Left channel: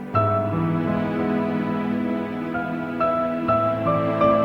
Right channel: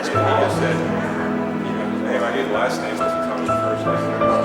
he just said, hey, I need last name, this becomes the first name.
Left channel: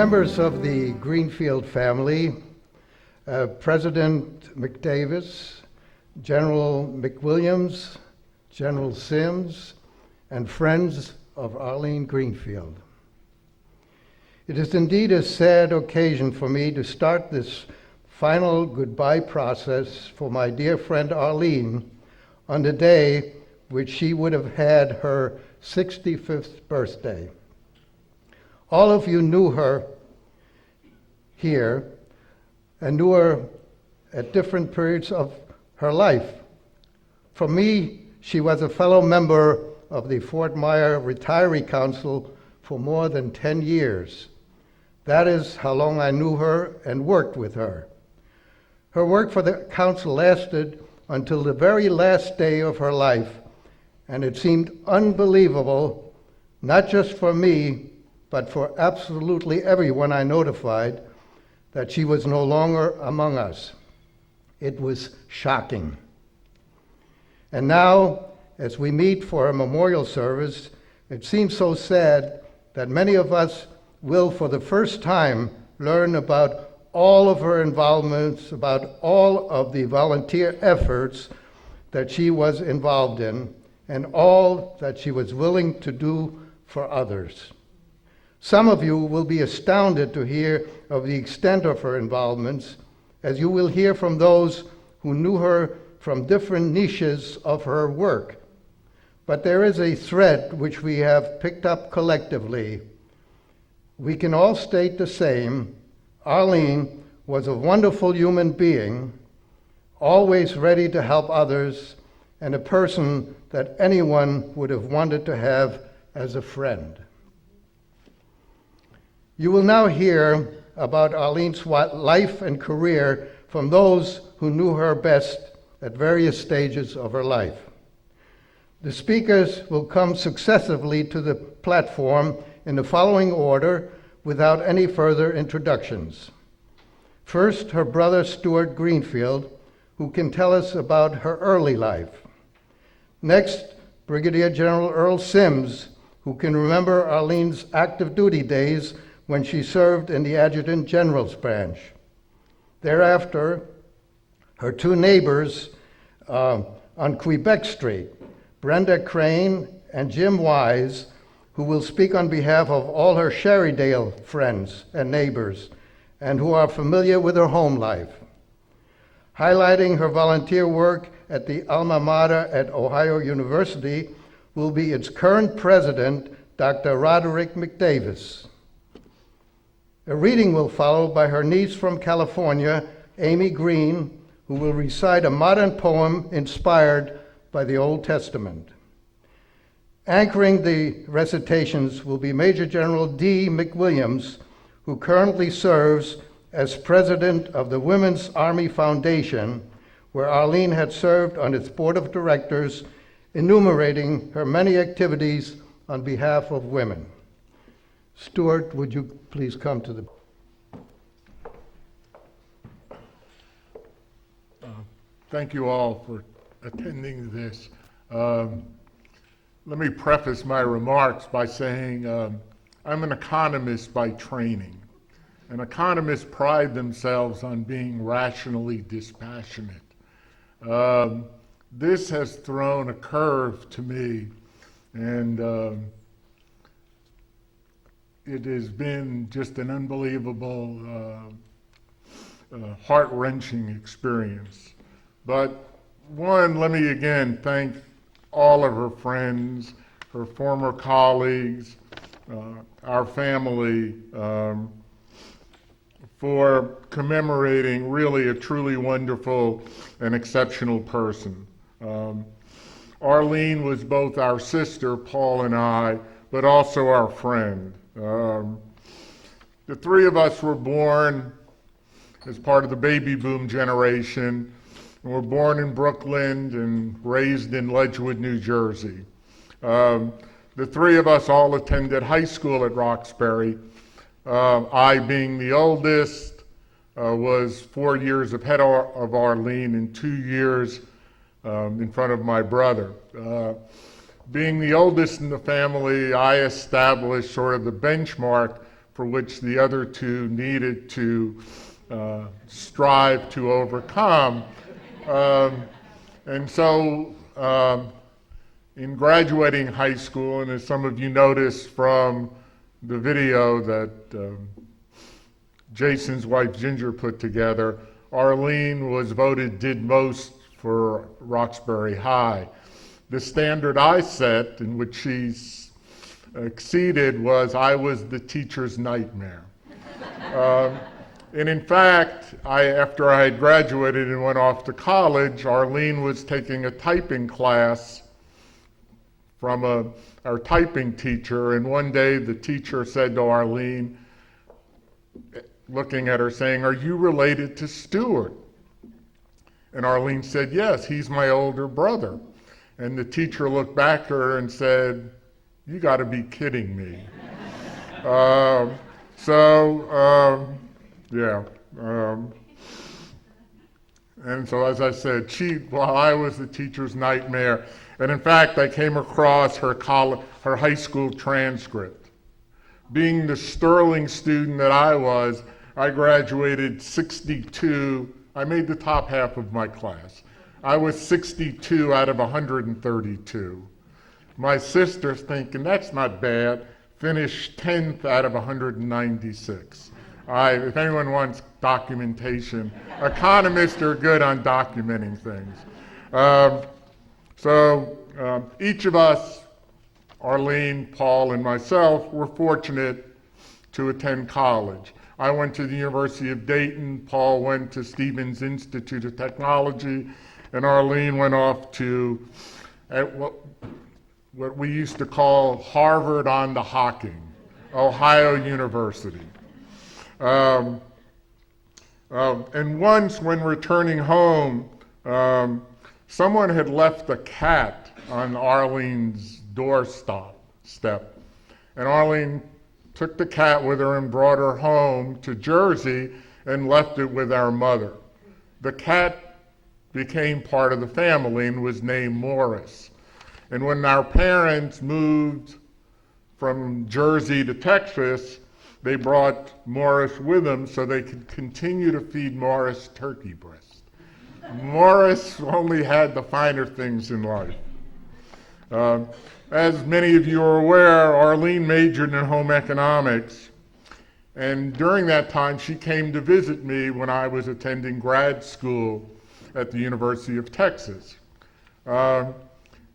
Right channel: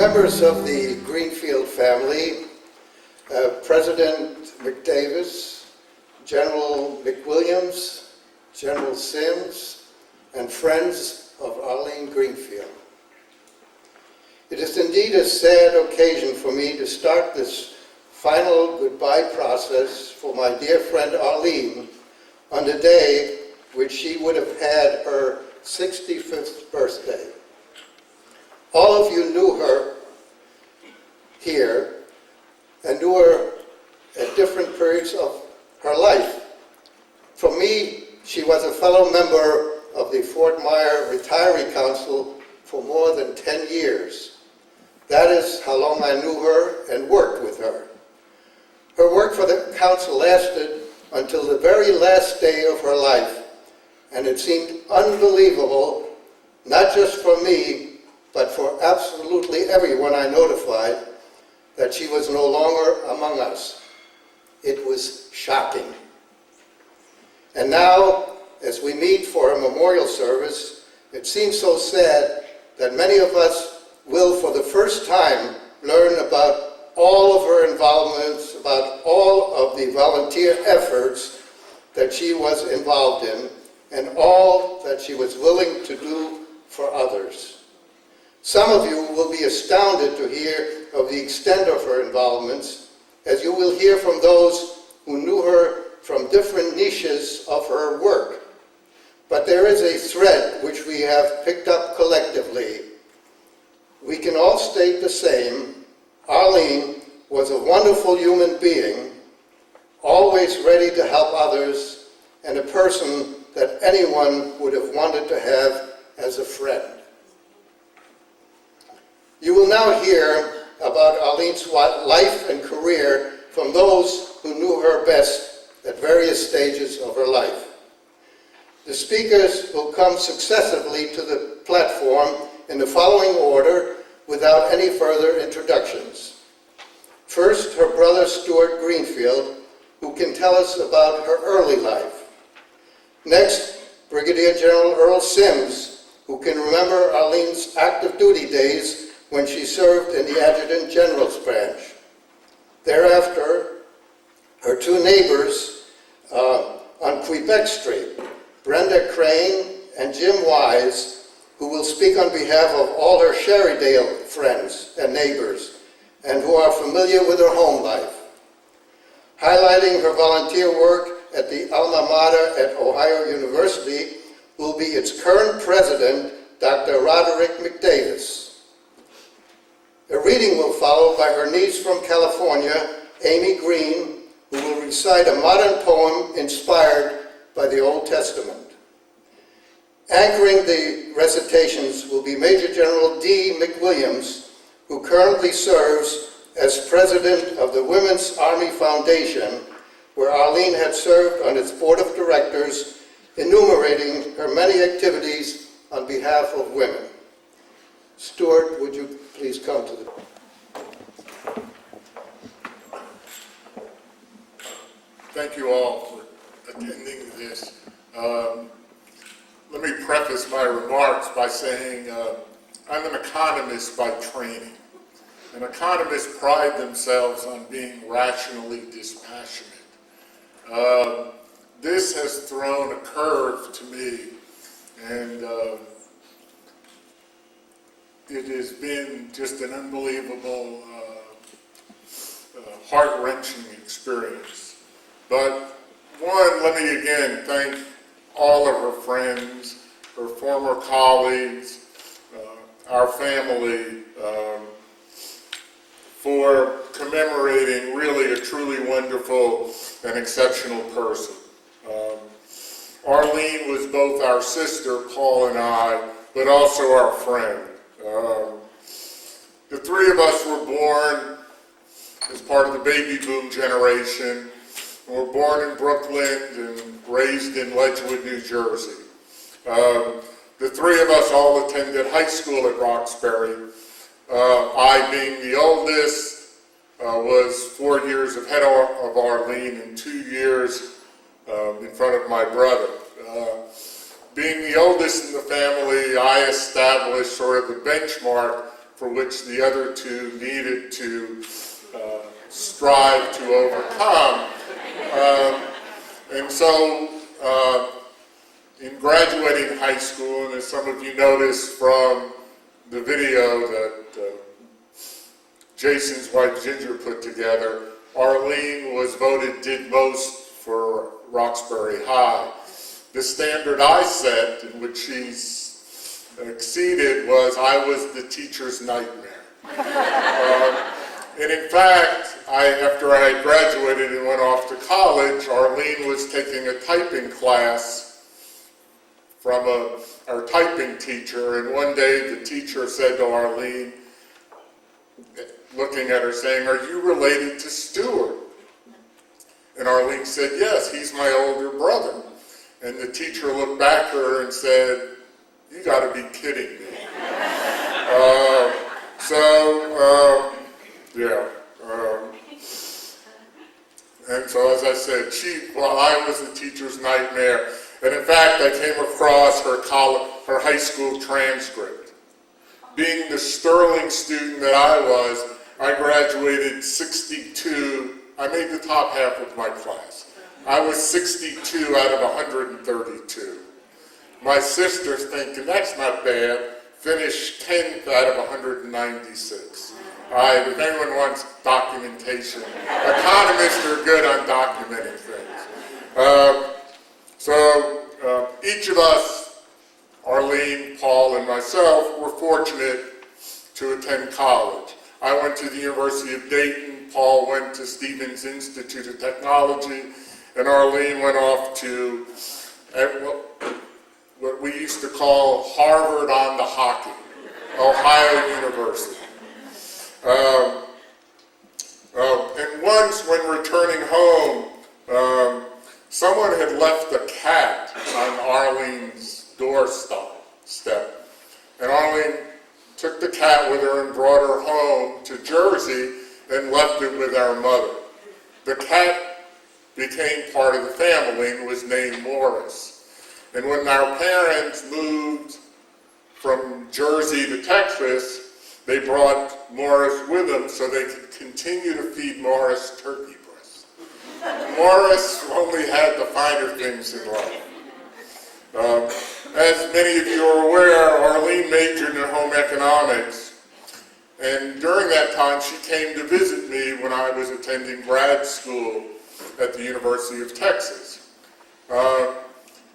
Members of the Greenfield family, President McDavis, General McWilliams, General Sims, and friends of Arlene Greenfield. It is indeed a sad occasion for me to start this final goodbye process for my dear friend Arlene on the day which she would have had her 65th birthday. All of you knew her here and knew her at different periods of her life. For me, she was a fellow member of the Fort Myer Retiree Council for more than 10 years. That is how long I knew her and worked with her. Her work for the council lasted until the very last day of her life, and it seemed unbelievable, not just for me, but for absolutely everyone I notified, that she was no longer among us. It was shocking. And now, as we meet for a memorial service, it seems so sad that many of us will, for the first time, learn about all of her involvements, about all of the volunteer efforts that she was involved in, and all that she was willing to do for others. Some of you will be astounded to hear of the extent of her involvements, as you will hear from those who knew her from different niches of her work. But there is a thread which we have picked up collectively. We can all state the same. Arlene was a wonderful human being, always ready to help others, and a person that anyone would have wanted to have as a friend. You will now hear about Arlene's life and career from those who knew her best at various stages of her life. The speakers will come successively to the platform in the following order without any further introductions. First, her brother Stuart Greenfield, who can tell us about her early life. Next, Brigadier General Earl Sims, who can remember Arlene's active duty days when she served in the Adjutant General's branch. Thereafter, her two neighbors on Quebec Street, Brenda Crane and Jim Wise, who will speak on behalf of all her Sherrydale friends and neighbors, and who are familiar with her home life. Highlighting her volunteer work at the alma mater at Ohio University will be its current president, Dr. Roderick McDavis. A reading will follow by her niece from California, Amy Green, who will recite a modern poem inspired by the Old Testament. Anchoring the recitations will be Major General D. McWilliams, who currently serves as president of the Women's Army Foundation, where Arlene had served on its board of directors, enumerating her many activities on behalf of women. Stuart, would you please come to the... Thank you all for attending this. Let me preface my remarks by saying I'm an economist by training. And economists pride themselves on being rationally dispassionate. This has thrown a curve to me, and it has been just an unbelievable, heart-wrenching experience. But one, let me again thank all of her friends, her former colleagues, our family, for commemorating really a truly wonderful and exceptional person. Arlene was both our sister, Paul and I, but also our friend. The three of us were born as part of the baby boom generation. We were born in Brooklyn and raised in Ledgewood, New Jersey. The three of us all attended high school at Roxbury. I, being the oldest, was 4 years ahead of Arlene and 2 years in front of my brother. Being the oldest in the family, I established sort of the benchmark for which the other two needed to strive to overcome. And so in graduating high school, and as some of you noticed from the video that Jason's wife Ginger put together, Arlene was voted did most for Roxbury High. The standard I set, in which she exceeded, was I was the teacher's nightmare. And in fact, after I had graduated and went off to college, Arlene was taking a typing class from our typing teacher, and one day the teacher said to Arlene, looking at her, saying, "Are you related to Stuart?" And Arlene said, "Yes, he's my older brother." And the teacher looked back at her and said, "You got to be kidding me." And so, as I said, I was a teacher's nightmare. And in fact, I came across her high school transcript. Being the sterling student that I was, I graduated 62. I made the top half of my class. I was 62 out of 132. My sister's thinking, that's not bad, finished 10th out of 196. If anyone wants documentation, economists are good on documenting things. So each of us, Arlene, Paul, and myself, were fortunate to attend college. I went to the University of Dayton, Paul went to Stevens Institute of Technology, and Arlene went off to what we used to call Harvard on the Hocking, Ohio University. And once when returning home, someone had left a cat on Arlene's doorstep, and Arlene took the cat with her and brought her home to Jersey and left it with our mother. The cat became part of the family and was named Morris. And when our parents moved from Jersey to Texas, they brought Morris with them so they could continue to feed Morris turkey breast. Morris only had the finer things in life. As many of you are aware, Arlene majored in home economics, and during that time she came to visit me when I was attending grad school at the University of Texas.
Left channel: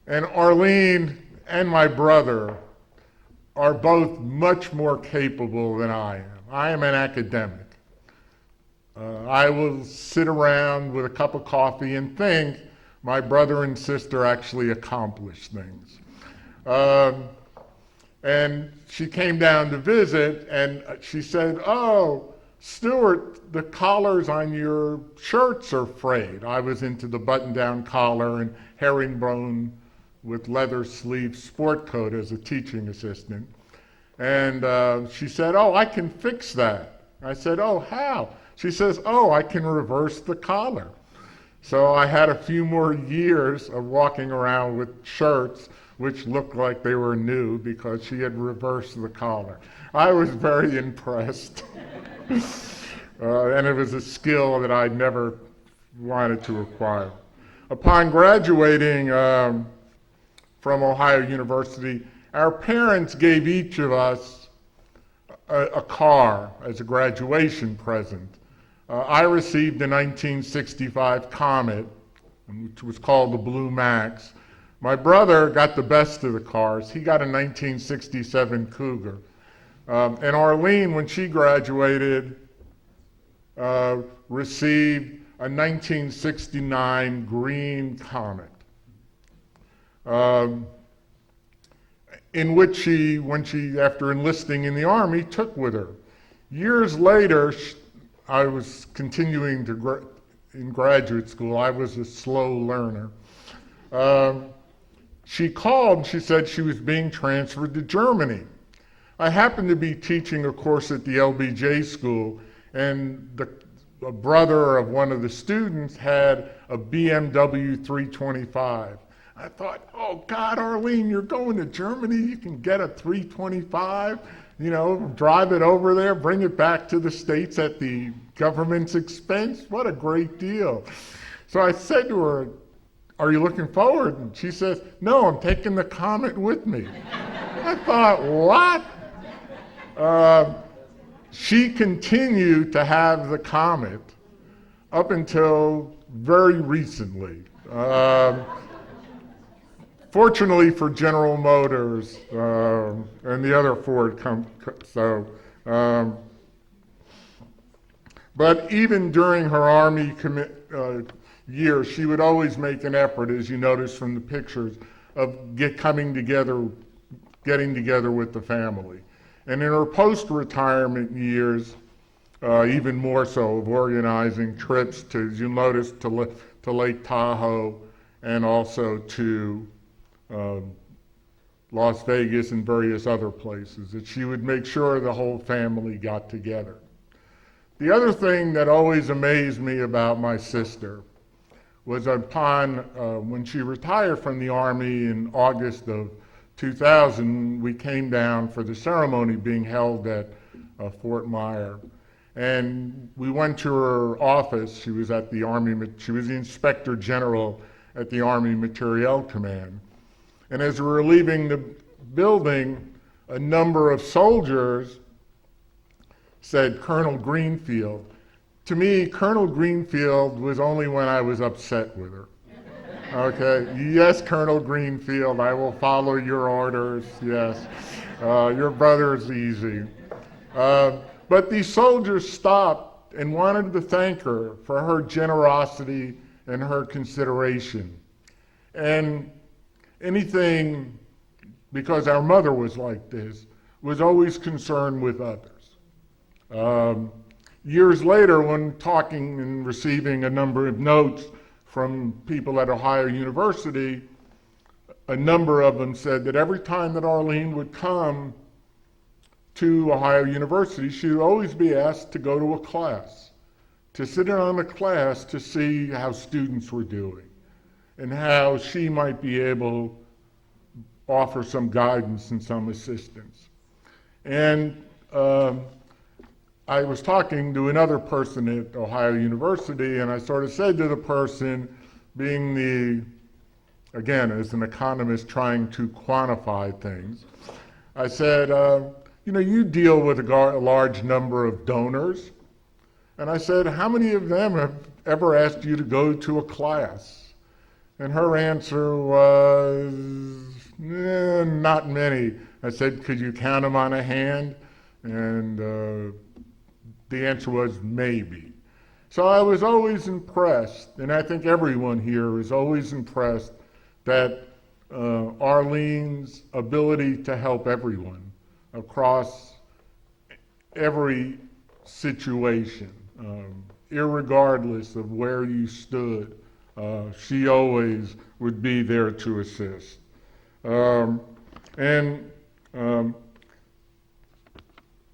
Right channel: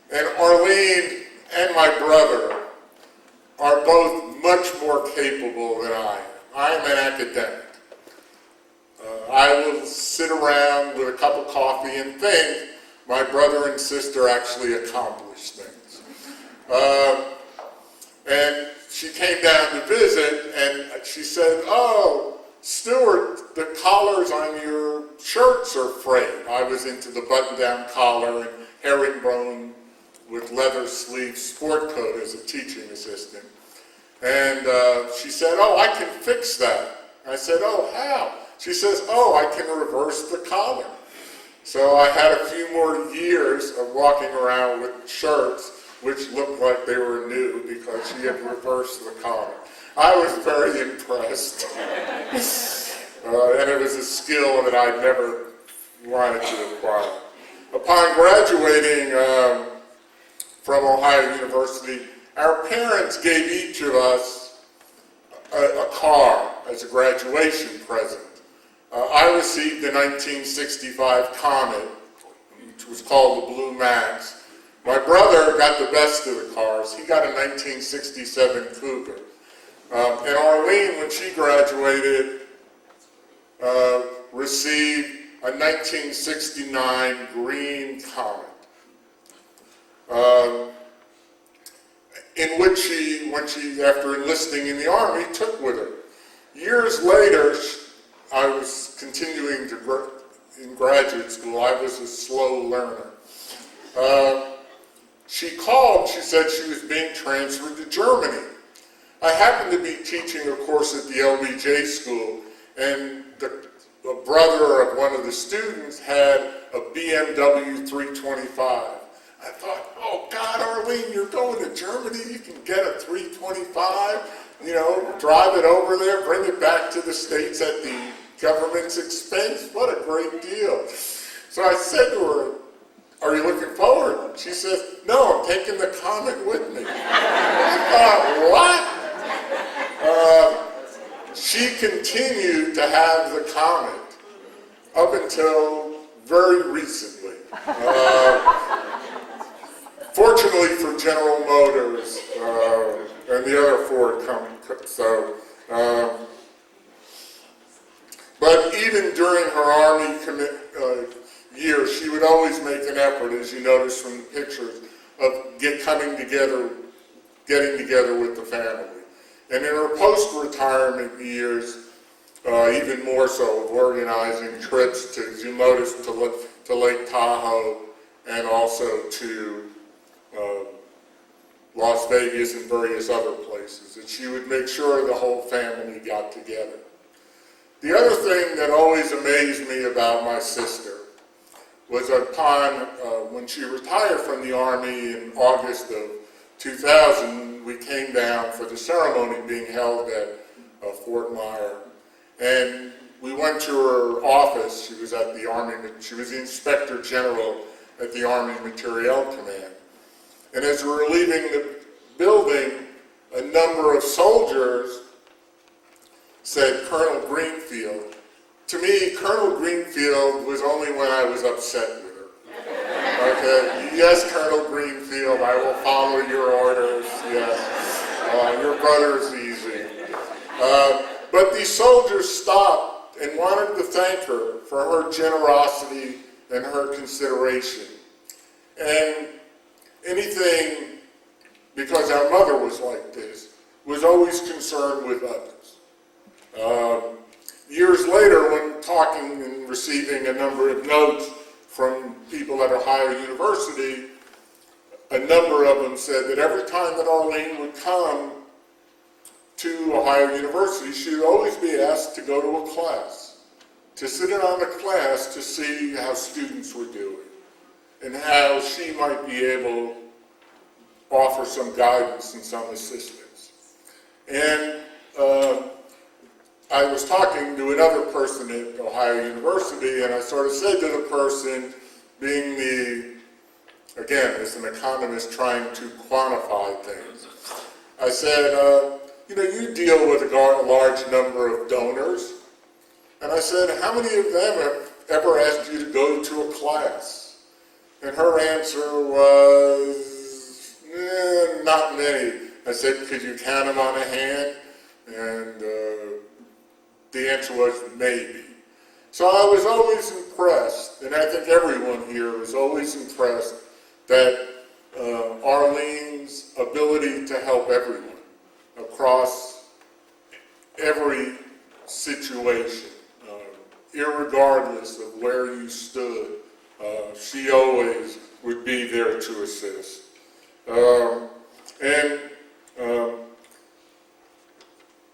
And Arlene and my brother are both much more capable than I am. I am an academic. I will sit around with a cup of coffee and think my brother and sister actually accomplished things. And she came down to visit, and she said, "Oh, Stuart, the collars on your shirts are frayed." I was into the button-down collar and herringbone with leather sleeve sport coat as a teaching assistant. And she said, "Oh, I can fix that." I said, "Oh, how?" She says, "Oh, I can reverse the collar." So I had a few more years of walking around with shirts which looked like they were new because she had reversed the collar. I was very impressed. And it was a skill that I never wanted to acquire. Upon graduating from Ohio University, our parents gave each of us a car as a graduation present. I received a 1965 Comet, which was called the Blue Max. My brother got the best of the cars. He got a 1967 Cougar. And Arlene, when she graduated, received a 1969 green Comet, in which after enlisting in the Army, took with her. Years later, I was continuing in graduate school. I was a slow learner. She called, she said she was being transferred to Germany. I happened to be teaching a course at the LBJ school, and a brother of one of the students had a BMW 325. I thought, oh God, Arlene, you're going to Germany, you can get a 325? drive it over there, bring it back to the States at the government's expense. What a great deal. So I said to her, are you looking forward? And she says, no, I'm taking the comet with me. I thought, what? She continued to have the comet up until very recently. Fortunately for General Motors and the other Ford but even during her Army year, she would always make an effort, as you notice from the pictures, of getting together with the family. And in her post-retirement years, even more so, of organizing trips to, as you notice, to Lake Tahoe and also to Las Vegas and various other places, that she would make sure the whole family got together. The other thing that always amazed me about my sister was when she retired from the Army in August of 2000, we came down for the ceremony being held at Fort Myer. And we went to her office. She was the Inspector General at the Army Materiel Command. And as we were leaving the building, a number of soldiers said, Colonel Greenfield. To me, Colonel Greenfield was only when I was upset with her. Okay, yes, Colonel Greenfield, I will follow your orders, yes. Your brother's easy. But these soldiers stopped and wanted to thank her for her generosity and her consideration. And anything, because our mother was like this, was always concerned with others. Years later, when talking and receiving a number of notes from people at Ohio University, a number of them said that every time that Arlene would come to Ohio University, she would always be asked to go to a class, to sit in on a class to see how students were doing and how she might be able to offer some guidance and some assistance. And I was talking to another person at Ohio University, and I sort of said to the person, being again, as an economist trying to quantify things, I said, you deal with a large number of donors. And I said, how many of them have ever asked you to go to a class? And her answer was, not many. I said, could you count them on a hand? And the answer was maybe. So I was always impressed, and I think everyone here was always impressed that Arlene's ability to help everyone across every situation, irregardless of where you stood, she always would be there to assist. In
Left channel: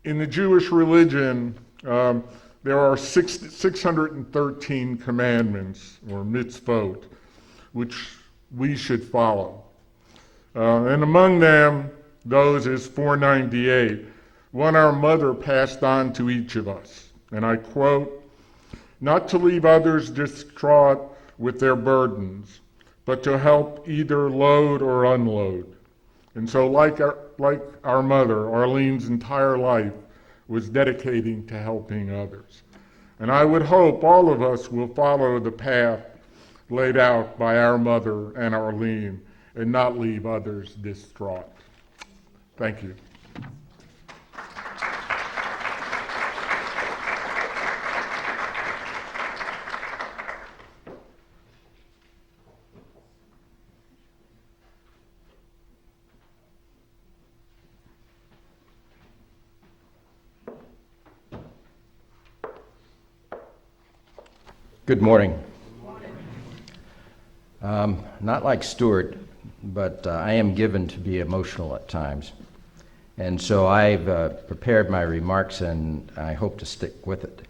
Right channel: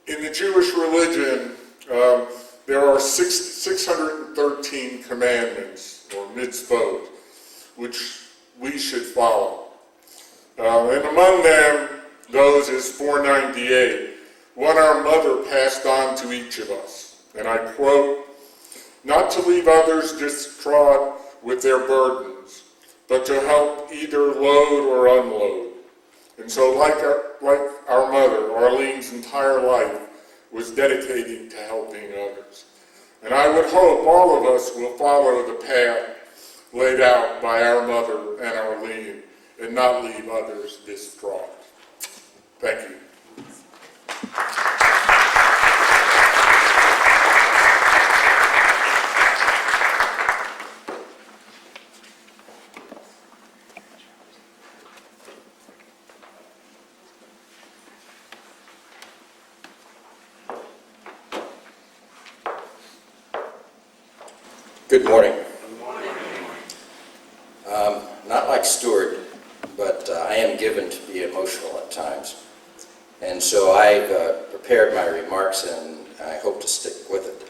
the Jewish religion, there are 613 commandments, or mitzvot, which we should follow. And among them, those is 498, one our mother passed on to each of us. And I quote, not to leave others distraught with their burdens, but to help either load or unload. And so like our mother, Arlene's entire life was dedicating to helping others. And I would hope all of us will follow the path laid out by our mother and Arlene and not leave others distraught. Thank you. Good morning. Not like Stuart, but I am given to be emotional at times. And so I've prepared my remarks, and I hope to stick with it.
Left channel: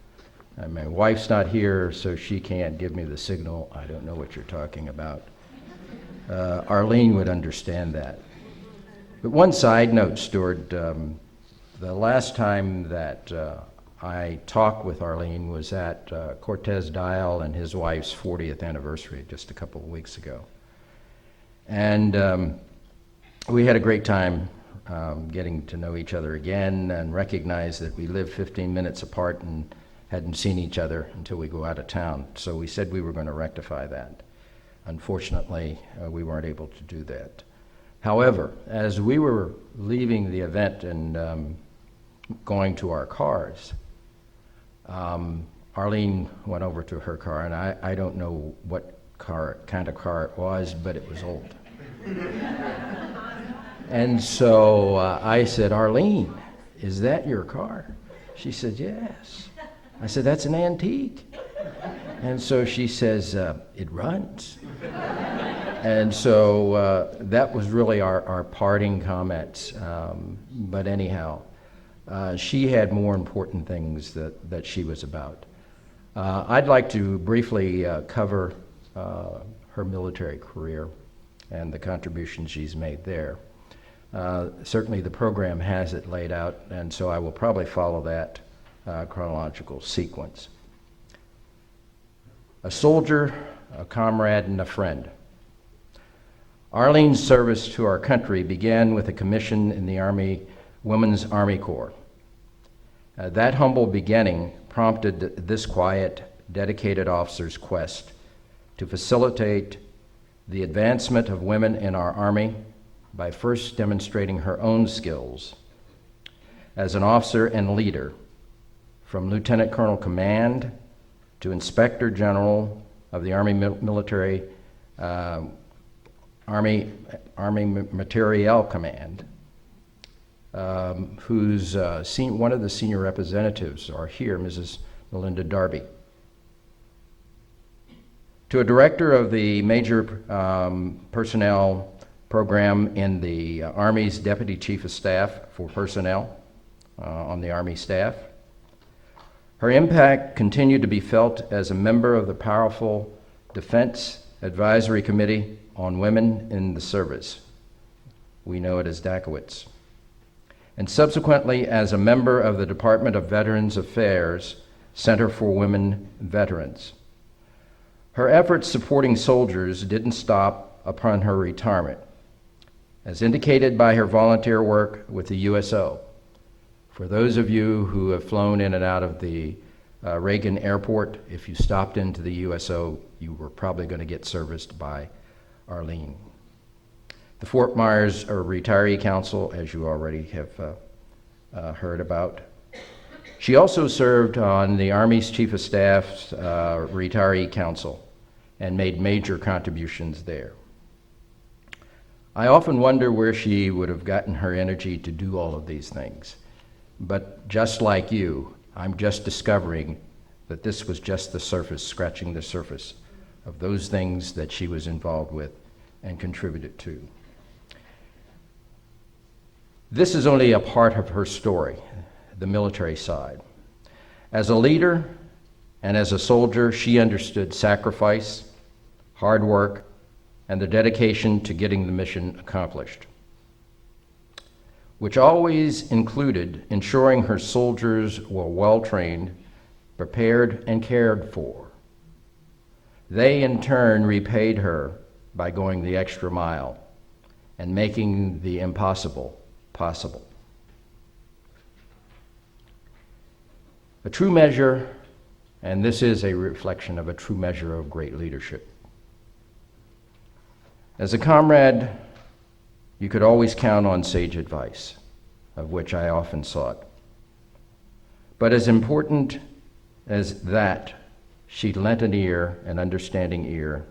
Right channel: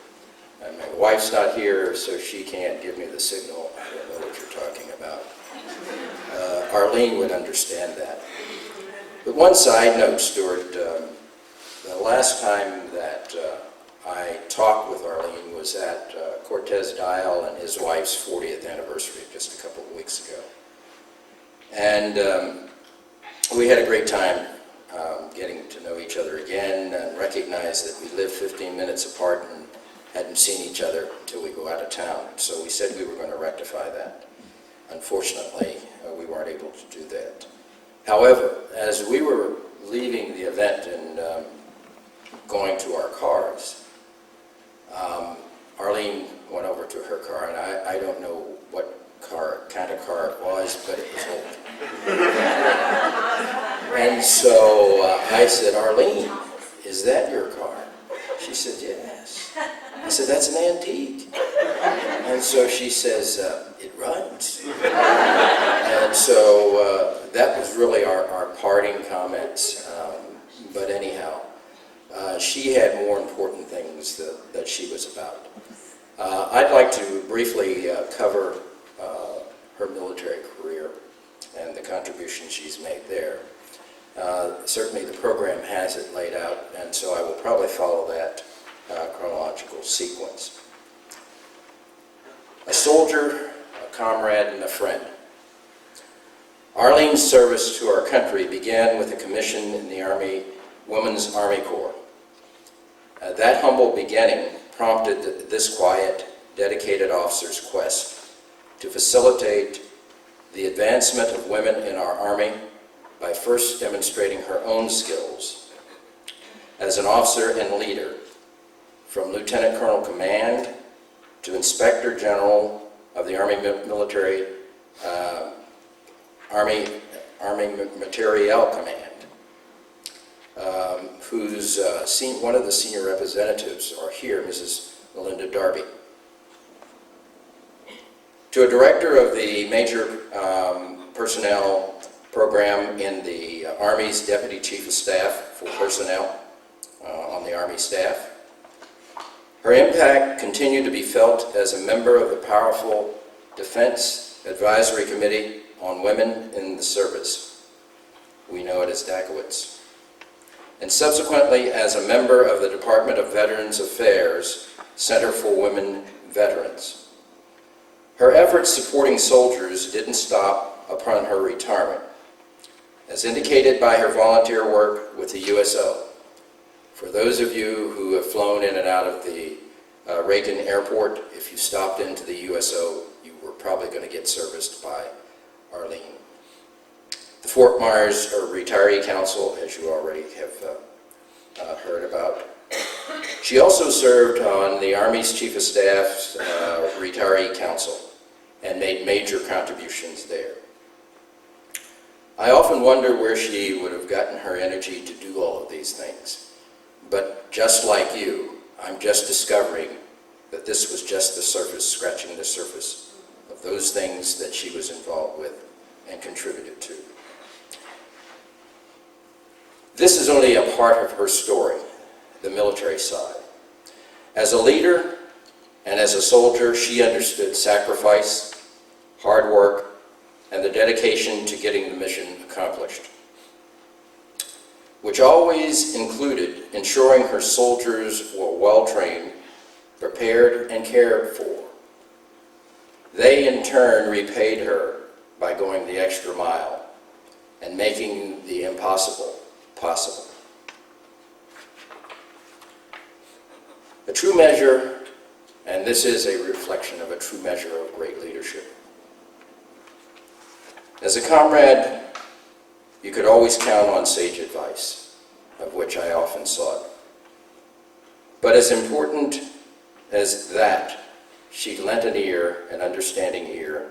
My wife's not here, so she can't give me the signal. I don't know what you're talking about. Arlene would understand that. But one side note, Stuart, The last time that I talked with Arlene was at Cortez Dial and his wife's 40th anniversary just a couple of weeks ago. And we had a great time getting to know each other again and recognize that we lived 15 minutes apart and hadn't seen each other until we go out of town. So we said we were going to rectify that. Unfortunately, we weren't able to do that. However, as we were leaving the event and going to our cars, Arlene went over to her car, and I don't know what kind of car it was, but it was old. And so I said, "Arlene, is that your car?" She said, "Yes." I said, "That's an antique." And so she says, "It runs." And so that was really our parting comments. But anyhow, she had more important things that she was about. I'd like to briefly cover her military career and the contribution she's made there. Certainly the program has it laid out, and so I will probably follow that chronological sequence. A soldier, a comrade, and a friend. Arlene's service to our country began with a commission in the Army Women's Army Corps. That humble beginning prompted this quiet, dedicated officer's quest to facilitate the advancement of women in our Army by first demonstrating her own skills as an officer and leader, from Lieutenant Colonel Command to Inspector General of the Army Military Army Materiel Command, whose one of the senior representatives are here, Mrs. Melinda Darby. To a director of the Major Personnel Program in the Army's Deputy Chief of Staff for Personnel on the Army staff. Her impact continued to be felt as a member of the powerful Defense Advisory Committee on Women in the Service. We know it as DACWITS. And subsequently as a member of the Department of Veterans Affairs Center for Women Veterans. Her efforts supporting soldiers didn't stop upon her retirement, as indicated by her volunteer work with the USO. For those of you who have flown in and out of the Reagan Airport, if you stopped into the USO, you were probably going to get serviced by Arlene. The Fort Myers Retiree Council, as you already have heard about. She also served on the Army's Chief of Staff's Retiree Council and made major contributions there. I often wonder where she would have gotten her energy to do all of these things. But just like you, I'm just discovering that this was just the surface, scratching the surface of those things that she was involved with and contributed to. This is only a part of her story, the military side. As a leader and as a soldier, she understood sacrifice, hard work, and the dedication to getting the mission accomplished, which always included ensuring her soldiers were well-trained, prepared, and cared for. They, in turn, repaid her by going the extra mile and making the impossible possible. A true measure, and this is a reflection of a true measure of great leadership. As a comrade, you could always count on sage advice, of which I often sought. But as important as that, she lent an ear, an understanding ear,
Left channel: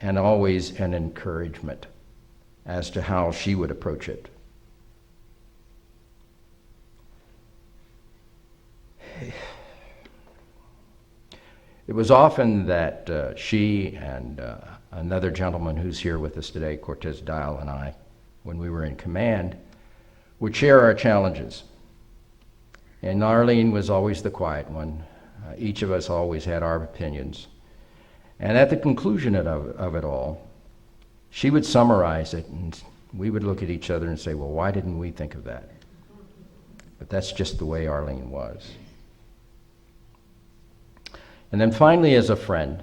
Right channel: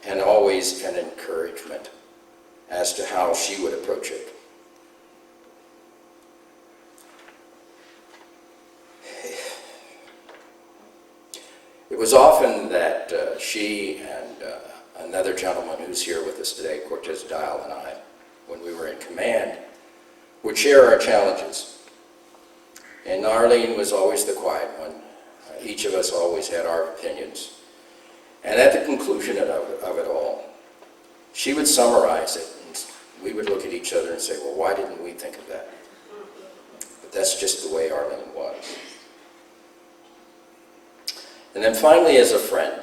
and always an encouragement as to how she would approach it. It was often that she and another gentleman who's here with us today, Cortez Dial, and I, when we were in command, would share our challenges. And Arlene was always the quiet one. Each of us always had our opinions. And at the conclusion of it all, she would summarize it, and we would look at each other and say, well, why didn't we think of that? But that's just the way Arlene was. And then finally, as a friend,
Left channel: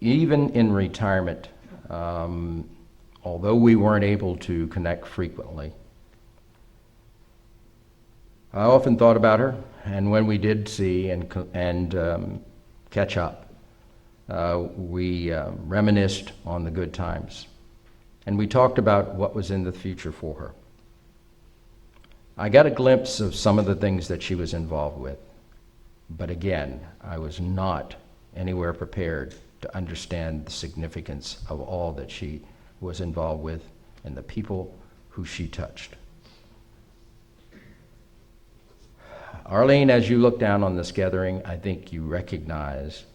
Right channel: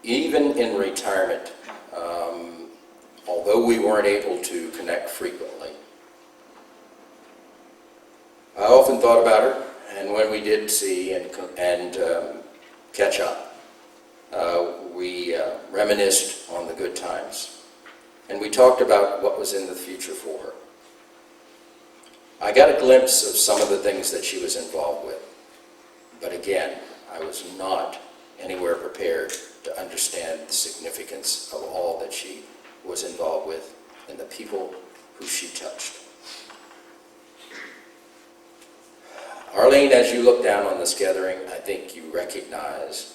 even in retirement, although we weren't able to connect frequently, I often thought about her, and when we did see and catch up, we reminisced on the good times, and we talked about what was in the future for her. I got a glimpse of some of the things that she was involved with, but again, I was not anywhere prepared to understand the significance of all that she was involved with and the people who she touched. Arlene, as you look down on this gathering, I think you recognize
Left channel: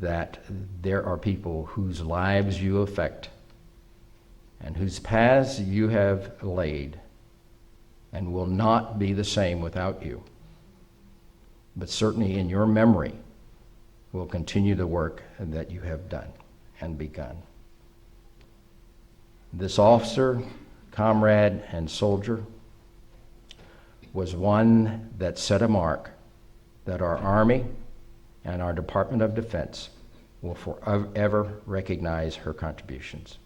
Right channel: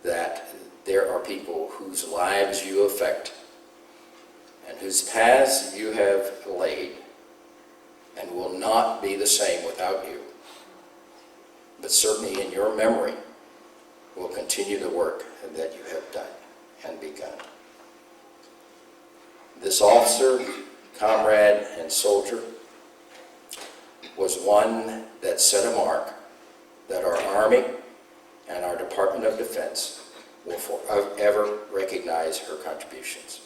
that there are people whose lives you affect and whose paths you have laid and will not be the same without you. But certainly in your memory will continue the work that you have done and begun. This officer, comrade, and soldier was one that set a mark that our Army and our Department of Defense will forever recognize her contributions.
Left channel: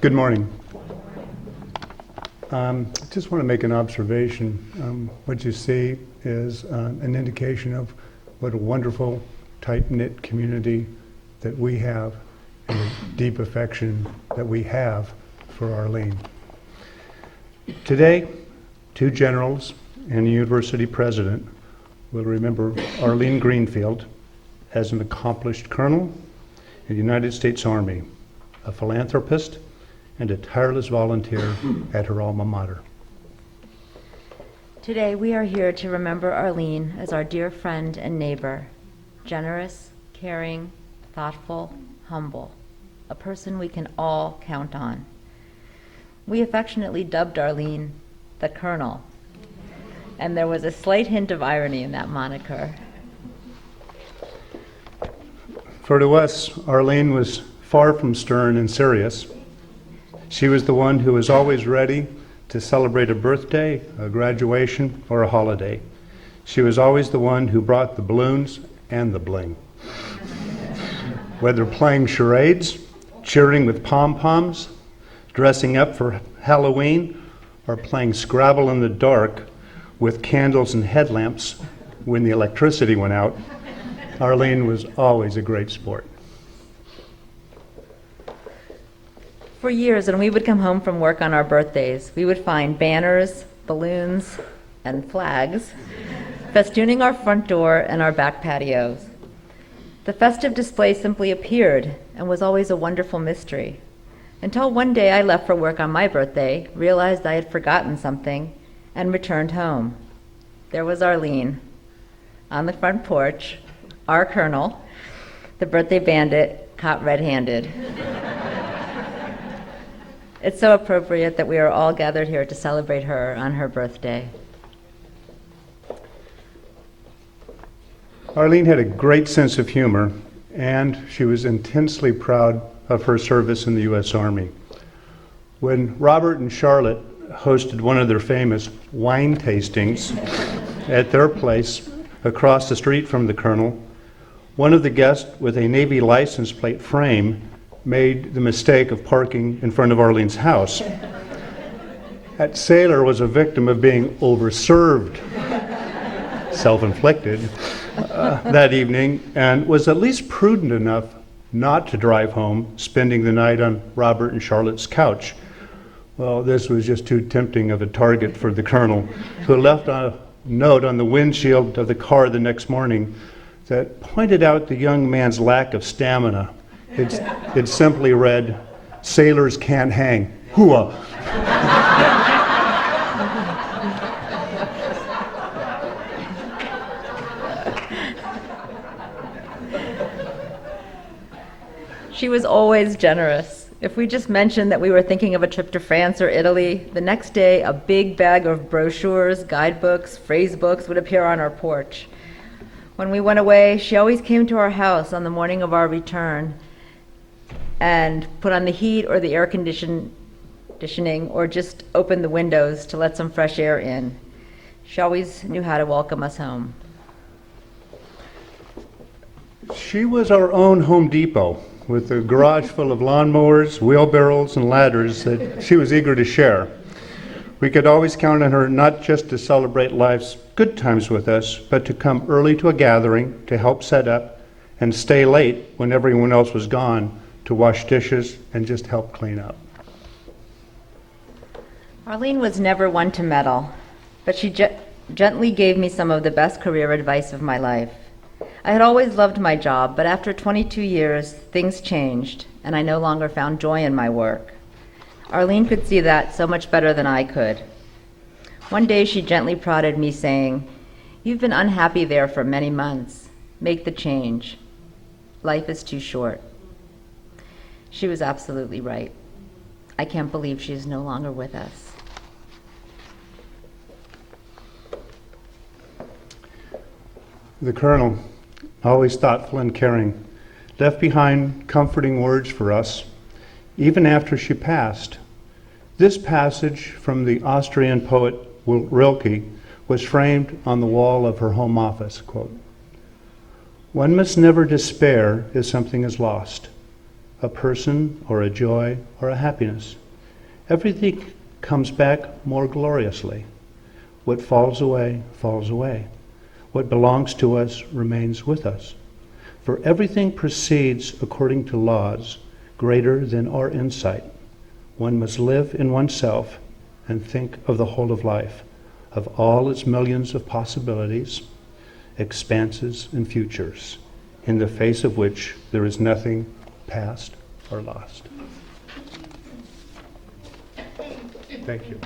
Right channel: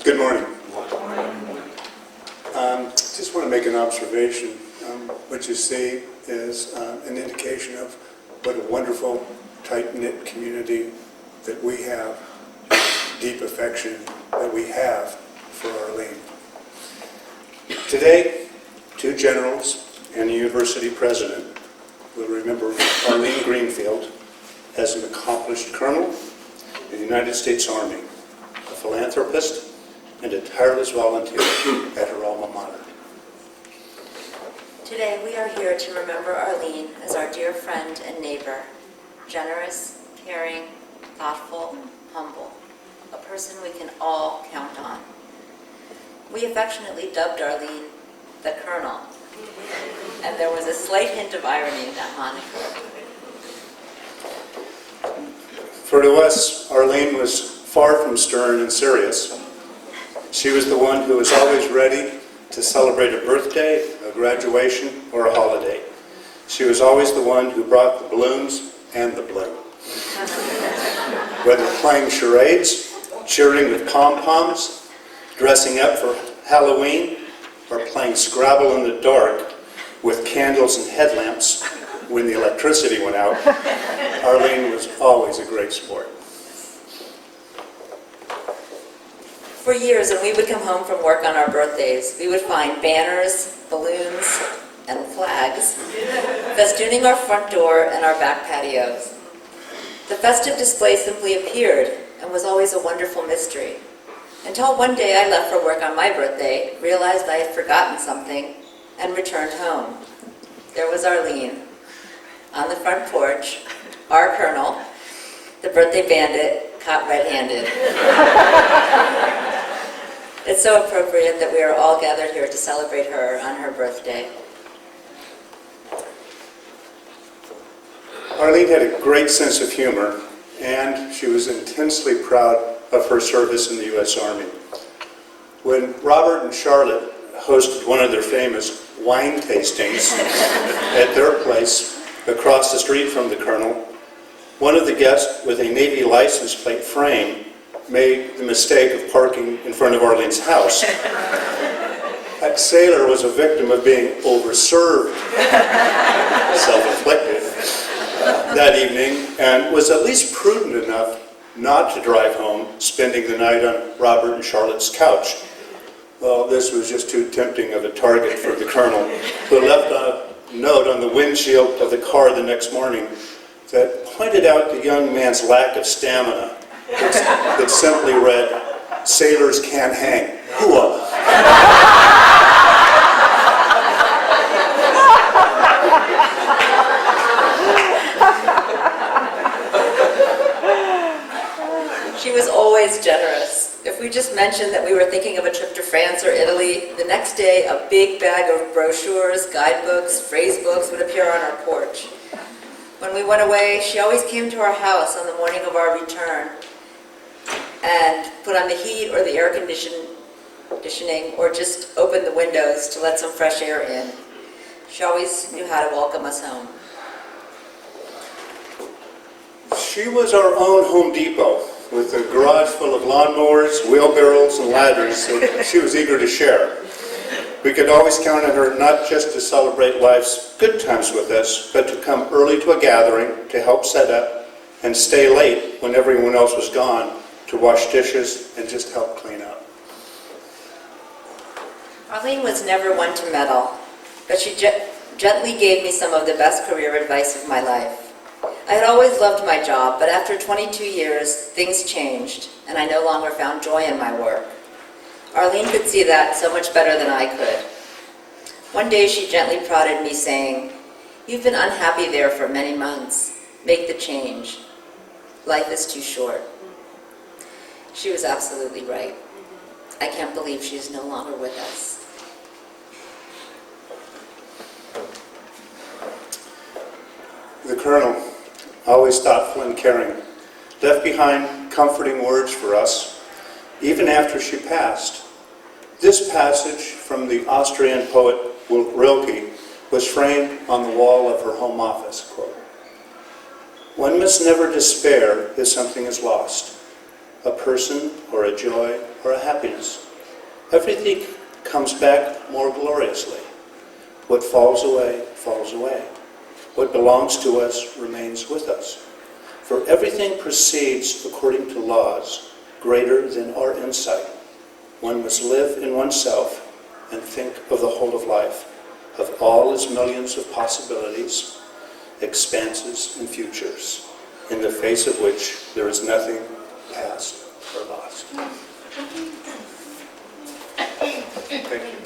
Good morning. I just want to make an observation. What you see is an indication of what a wonderful, tight-knit community that we have, and deep affection that we have for Arlene. Today, two generals and a university president will remember Arlene Greenfield as an accomplished colonel in the United States Army, a philanthropist, and a tireless volunteer at her alma mater. Today we are here to remember Arlene as our dear friend and neighbor, generous, caring, thoughtful, humble, a person we can all count on. We affectionately dubbed Arlene the Colonel, and there was a slight hint of irony in that moniker. For to us, Arlene was far from stern and serious. She was the one who was always ready to celebrate a birthday, a graduation, or a holiday. She was always the one who brought the balloons and the bloom. Whether playing charades, cheering with pom-poms, dressing up for Halloween, or playing Scrabble in the dark with candles and headlamps when the electricity went out, Arlene was always a great sport. For years, when we would come home from work on our birthdays, we would find banners, balloons, and flags festooning our front door and our back patios. The festive display simply appeared and was always a wonderful mystery. Until one day I left for work on my birthday, realized I had forgotten something, and returned home. There was Arlene on the front porch, our colonel, the birthday bandit, caught red-handed. It's so appropriate that we are all gathered here to celebrate her on her birthday. Arlene had a great sense of humor, and she was intensely proud of her service in the U.S. Army. When Robert and Charlotte hosted one of their famous wine tastings at their place across the street from the colonel, one of the guests with a Navy license plate frame made the mistake of parking in front of Arlene's house. That sailor was a victim of being overserved, self-inflicted, that evening, and was at least prudent enough not to drive home, spending the night on Robert and Charlotte's couch. Well, this was just too tempting of a target for the colonel, who left a note on the windshield of the car the next morning that pointed out the young man's lack of stamina that simply read, "Sailors can't hang. Hooah." She was always generous. If we just mentioned that we were thinking of a trip to France or Italy, the next day a big bag of brochures, guidebooks, phrase books would appear on our porch. When we went away, she always came to our house on the morning of our return and put on the heat or the air conditioning or just opened the windows to let some fresh air in. She always knew how to welcome us home. She was our own Home Depot, with a garage full of lawnmowers, wheelbarrows, and ladders that she was eager to share. We could always count on her not just to celebrate life's good times with us, but to come early to a gathering, to help set up, and stay late when everyone else was gone, to wash dishes and just help clean up. Arlene was never one to meddle, but she gently gave me some of the best career advice of my life. I had always loved my job, but after 22 years, things changed, and I no longer found joy in my work. Arlene could see that so much better than I could. One day she gently prodded me, saying, "You've been unhappy there for many months. Make the change. Life is too short." She was absolutely right. I can't believe she's no longer with us. The Colonel, always thoughtful and caring, left behind comforting words for us, even after she passed. This passage from the Austrian poet Rilke was framed on the wall of her home office, quote, "One must never despair if something is lost, a person or a joy or a happiness. Everything comes back more gloriously. What falls away, falls away. What belongs to us remains with us. For everything proceeds according to laws greater than our insight. One must live in oneself and think of the whole of life, of all its millions of possibilities, expanses, and futures, in the face of which there is nothing past or lost." Thank you.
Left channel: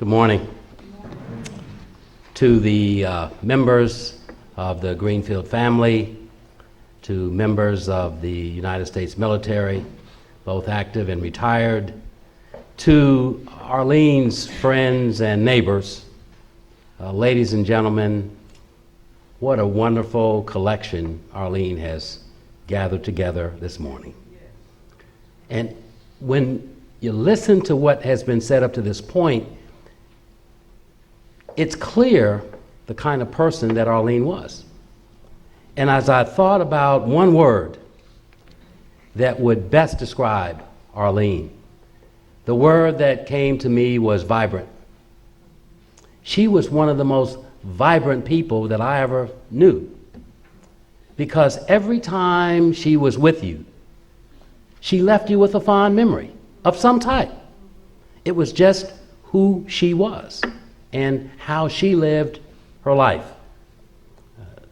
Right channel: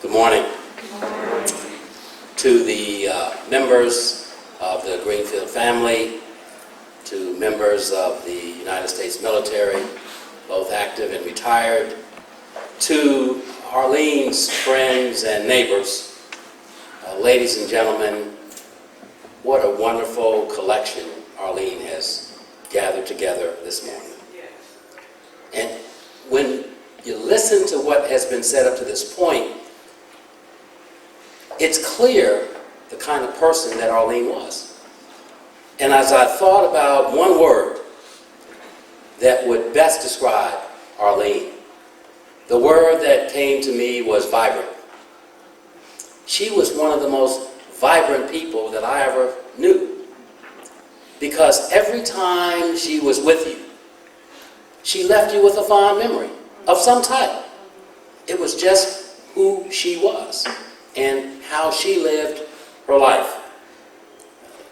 Good morning. To the members of the Greenfield family, to members of the United States military, both active and retired, to Arlene's friends and neighbors, ladies and gentlemen, what a wonderful collection Arlene has gathered together this morning. And when you listen to what has been said up to this point, it's clear the kind of person that Arlene was. And as I thought about one word that would best describe Arlene, the word that came to me was vibrant. She was one of the most vibrant people that I ever knew, because every time she was with you, she left you with a fond memory of some type. It was just who she was and how she lived her life.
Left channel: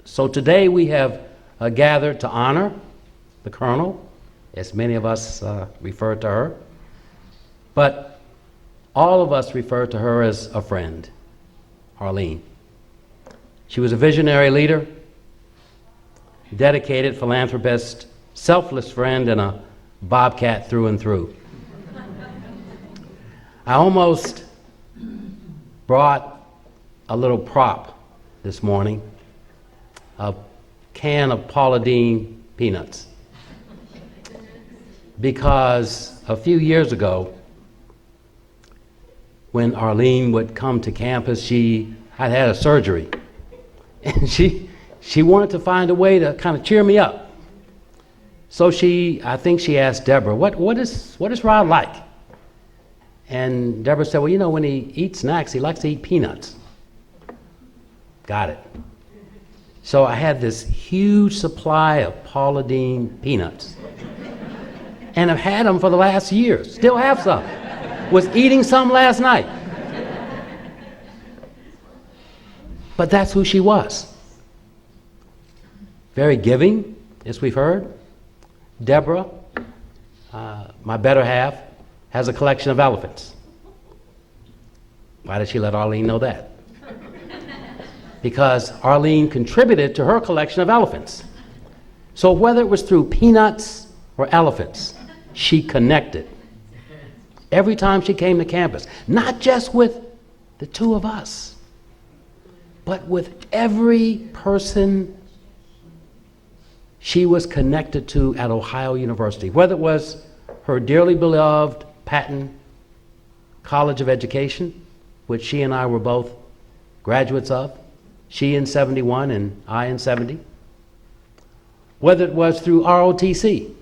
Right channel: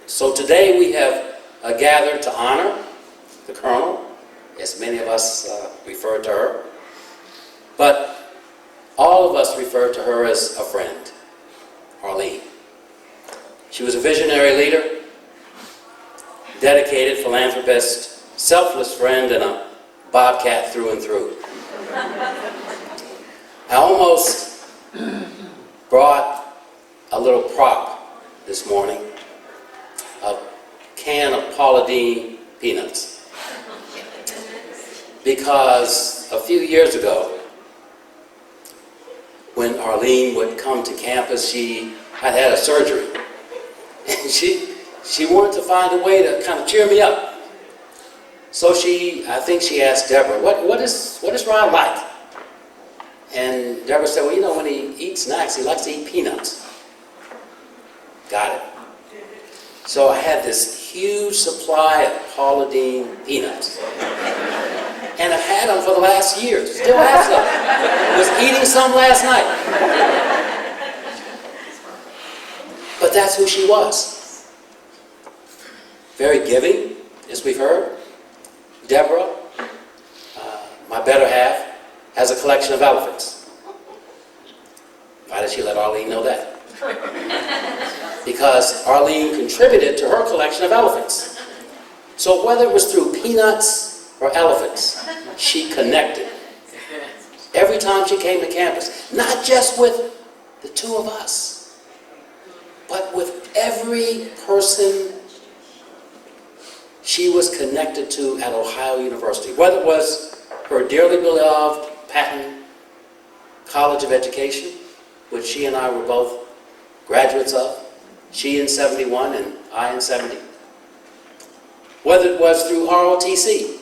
So today we have gathered to honor the Colonel, as many of us refer to her, but all of us refer to her as a friend, Arlene. She was a visionary leader, dedicated philanthropist, selfless friend, and a bobcat through and through. I almost brought a little prop this morning, a can of Paula Deen peanuts. because a few years ago, when Arlene would come to campus, she had had a surgery. And she wanted to find a way to kind of cheer me up. So I think she asked Deborah, what is Rod like? And Deborah said, well, you know, when he eats snacks, he likes to eat peanuts. Got it. So I had this huge supply of Paula Deen peanuts. And I've had them for the last year. Still have some. Was eating some last night. But that's who she was. Very giving, as we've heard. Deborah, my better half, has a collection of elephants. Why did she let Arlene know that? Because Arlene contributed to her collection of elephants. So whether it was through peanuts or elephants, she connected. Every time she came to campus, not just with the two of us, but with every person she was connected to at Ohio University, whether it was her dearly beloved Patton College of Education, which she and I were both graduates of, she in 71 and I in 70, whether it was through ROTC.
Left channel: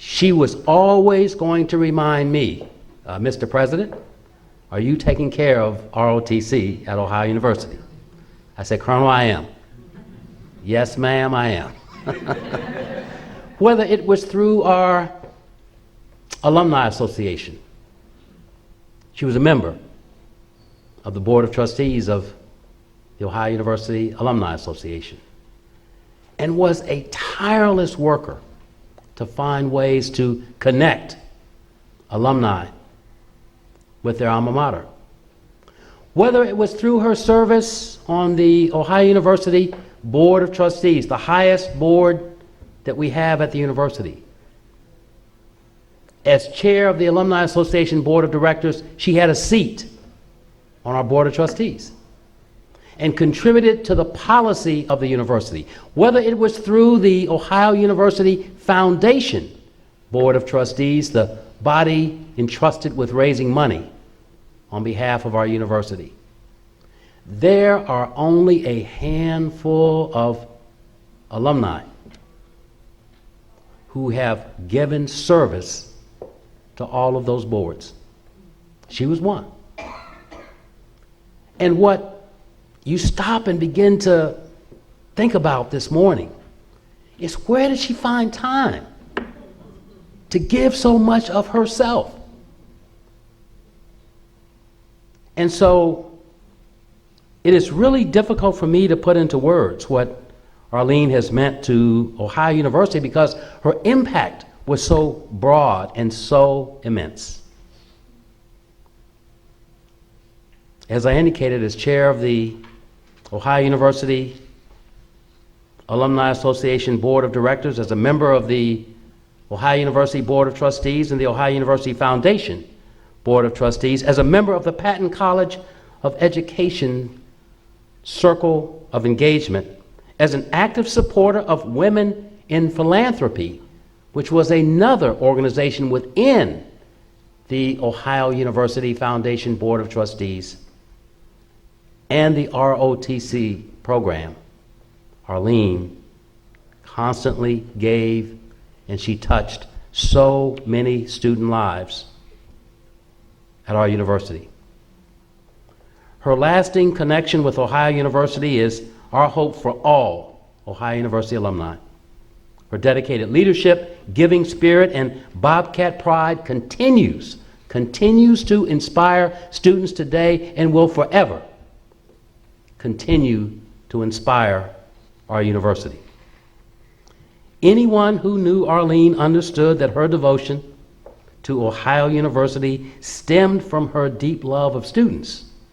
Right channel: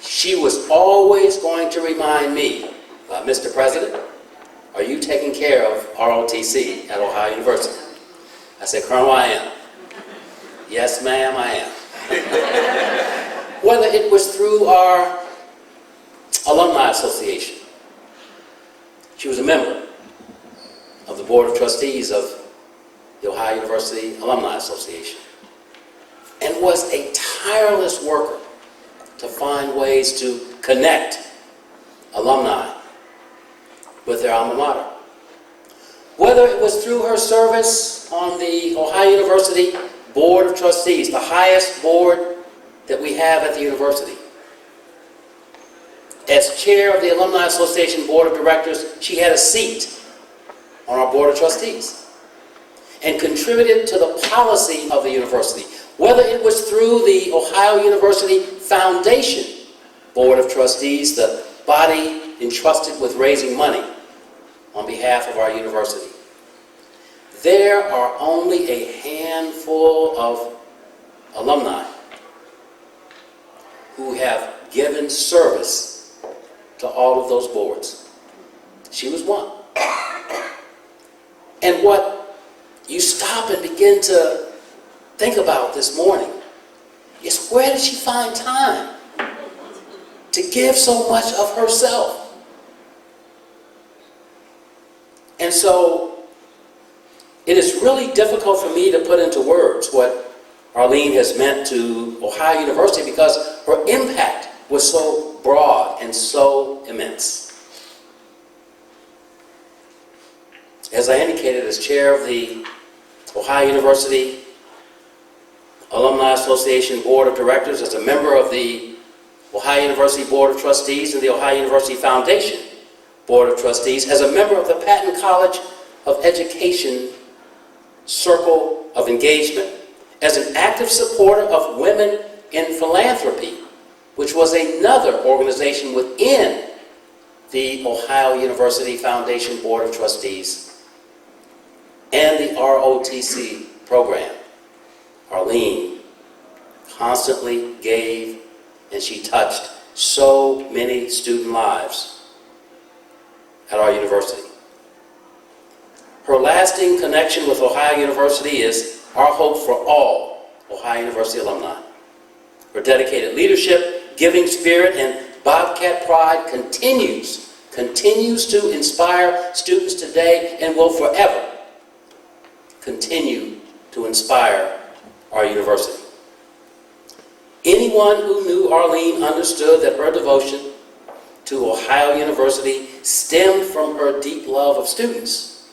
She was always going to remind me, Mr. President, are you taking care of ROTC at Ohio University? I said, Colonel, I am. Yes, ma'am, I am. Whether it was through our Alumni Association. She was a member of the Board of Trustees of the Ohio University Alumni Association and was a tireless worker to find ways to connect alumni with their alma mater. Whether it was through her service on the Ohio University Board of Trustees, the highest board that we have at the university. As chair of the Alumni Association Board of Directors, she had a seat on our Board of Trustees and contributed to the policy of the university, whether it was through the Ohio University Foundation Board of Trustees, the body entrusted with raising money on behalf of our university. There are only a handful of alumni who have given service to all of those boards. She was one. And what you stop and begin to think about this morning is, where did she find time to give so much of herself? And so it is really difficult for me to put into words what Arlene has meant to Ohio University, because her impact was so broad and so immense. As I indicated, as chair of the Ohio University Alumni Association Board of Directors, as a member of the Ohio University Board of Trustees and the Ohio University Foundation Board of Trustees, as a member of the Patton College of Education Circle of Engagement, as an active supporter of Women in Philanthropy, which was another organization within the Ohio University Foundation Board of Trustees, and the ROTC program. Arlene constantly gave, and she touched so many student lives at our university. Her lasting connection with Ohio University is our hope for all Ohio University alumni. Her dedicated leadership, giving spirit, and Bobcat pride continues to inspire students today and will forever continue to inspire our university. Anyone who knew Arlene understood that her devotion to Ohio University stemmed from her deep love of students,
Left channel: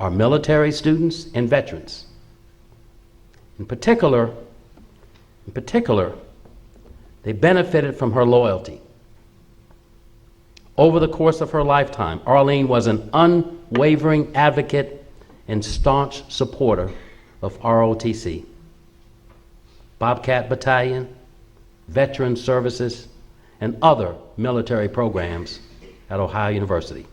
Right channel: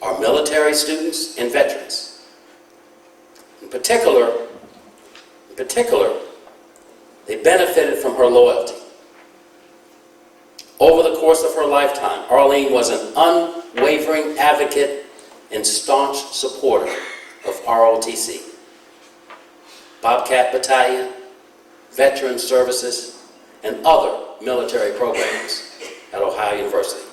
our military students and veterans. In particular, they benefited from her loyalty. Over the course of her lifetime, Arlene was an unwavering advocate and staunch supporter of ROTC, Bobcat Battalion, veteran services, and other military programs at Ohio University.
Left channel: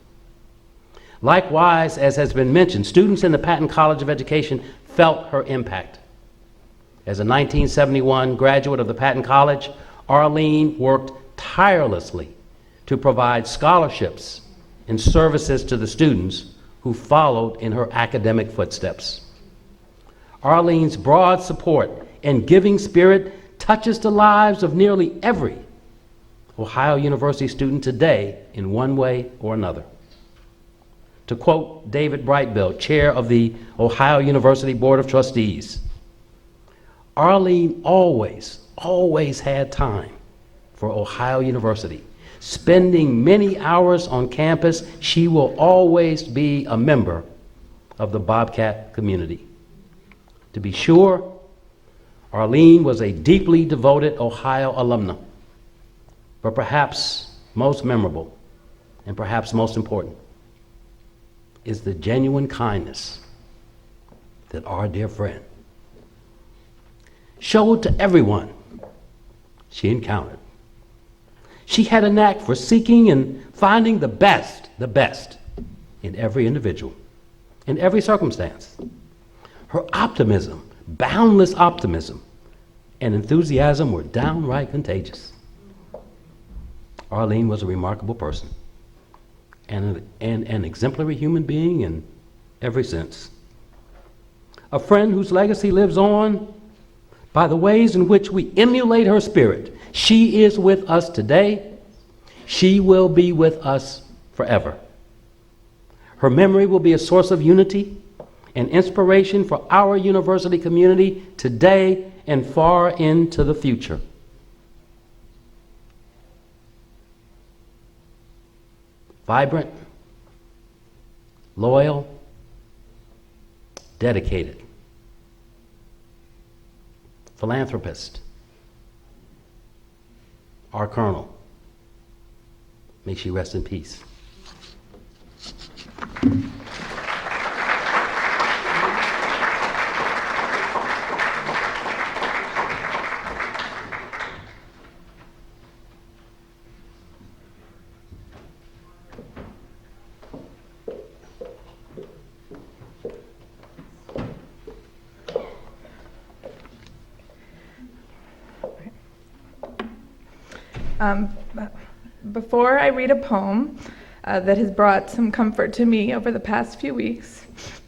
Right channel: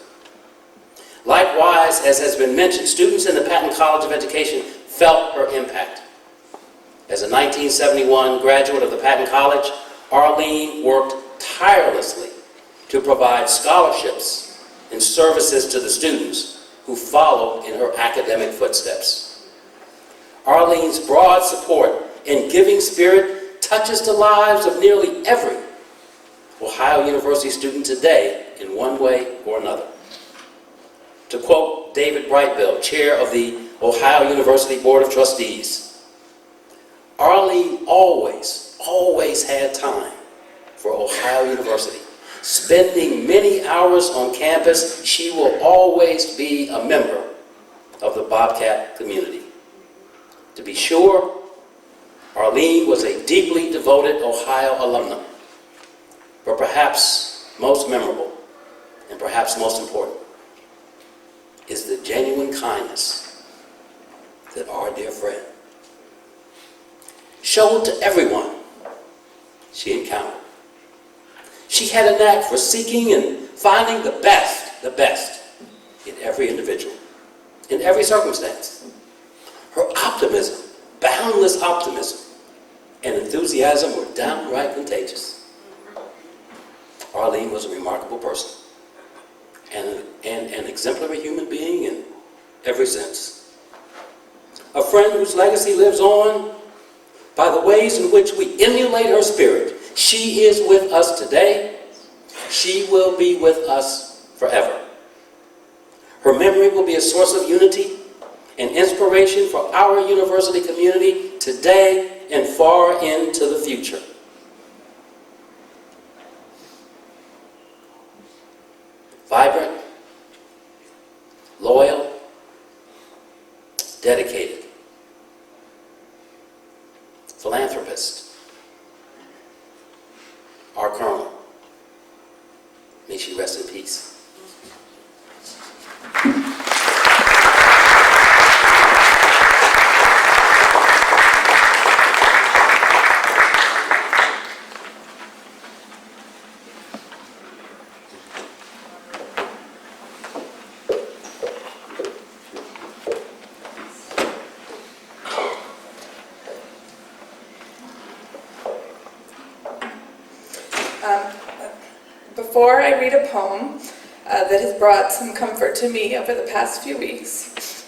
Likewise, as has been mentioned, students in the Patton College of Education felt her impact. As a 1971 graduate of the Patton College, Arlene worked tirelessly to provide scholarships and services to the students who followed in her academic footsteps. Arlene's broad support and giving spirit touches the lives of nearly every Ohio University student today in one way or another. To quote David Brightbill, chair of the Ohio University Board of Trustees, Arlene always had time for Ohio University. Spending many hours on campus, she will always be a member of the Bobcat community. To be sure, Arlene was a deeply devoted Ohio alumna, but perhaps most memorable and perhaps most important is the genuine kindness that our dear friend showed to everyone she encountered. She had a knack for seeking and finding the best in every individual, in every circumstance. Her optimism, boundless optimism, and enthusiasm were downright contagious. Arlene was a remarkable person and an exemplary human being in every sense. A friend whose legacy lives on by the ways in which we emulate her spirit. She is with us today. She will be with us forever. Her memory will be a source of unity and inspiration for our university community today and far into the future. Vibrant, loyal, dedicated, philanthropist, our Colonel. May she rest in peace. Before I read a poem that has brought some comfort to me over the past few weeks,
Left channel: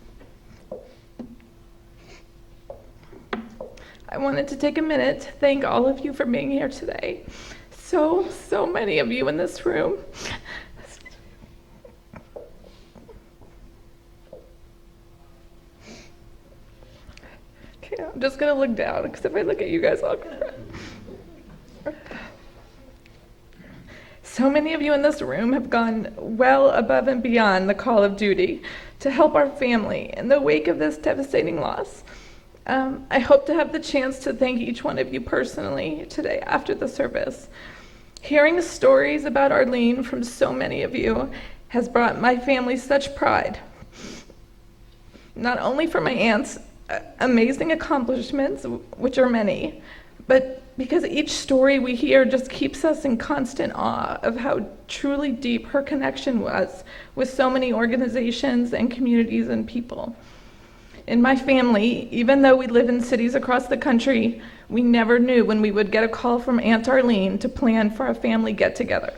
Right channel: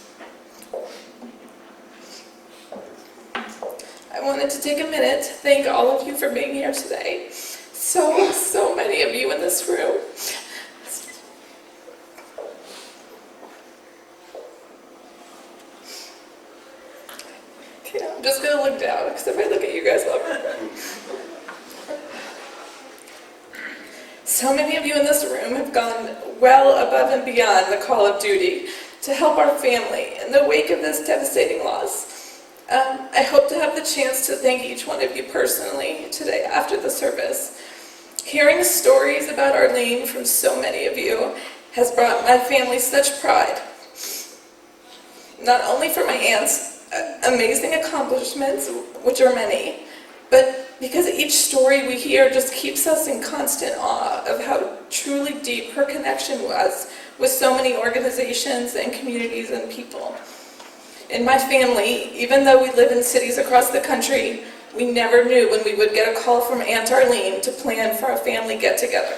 I wanted to take a minute to thank all of you for being here today. So many of you in this room. Okay, I'm just gonna look down because if I look at you guys up. So many of you in this room have gone well above and beyond the call of duty to help our family in the wake of this devastating loss. I hope to have the chance to thank each one of you personally today after the service. Hearing stories about Arlene from so many of you has brought my family such pride. Not only for my aunt's amazing accomplishments, which are many, but because each story we hear just keeps us in constant awe of how truly deep her connection was with so many organizations and communities and people. In my family, even though we live in cities across the country, we never knew when we would get a call from Aunt Arlene to plan for a family get-together.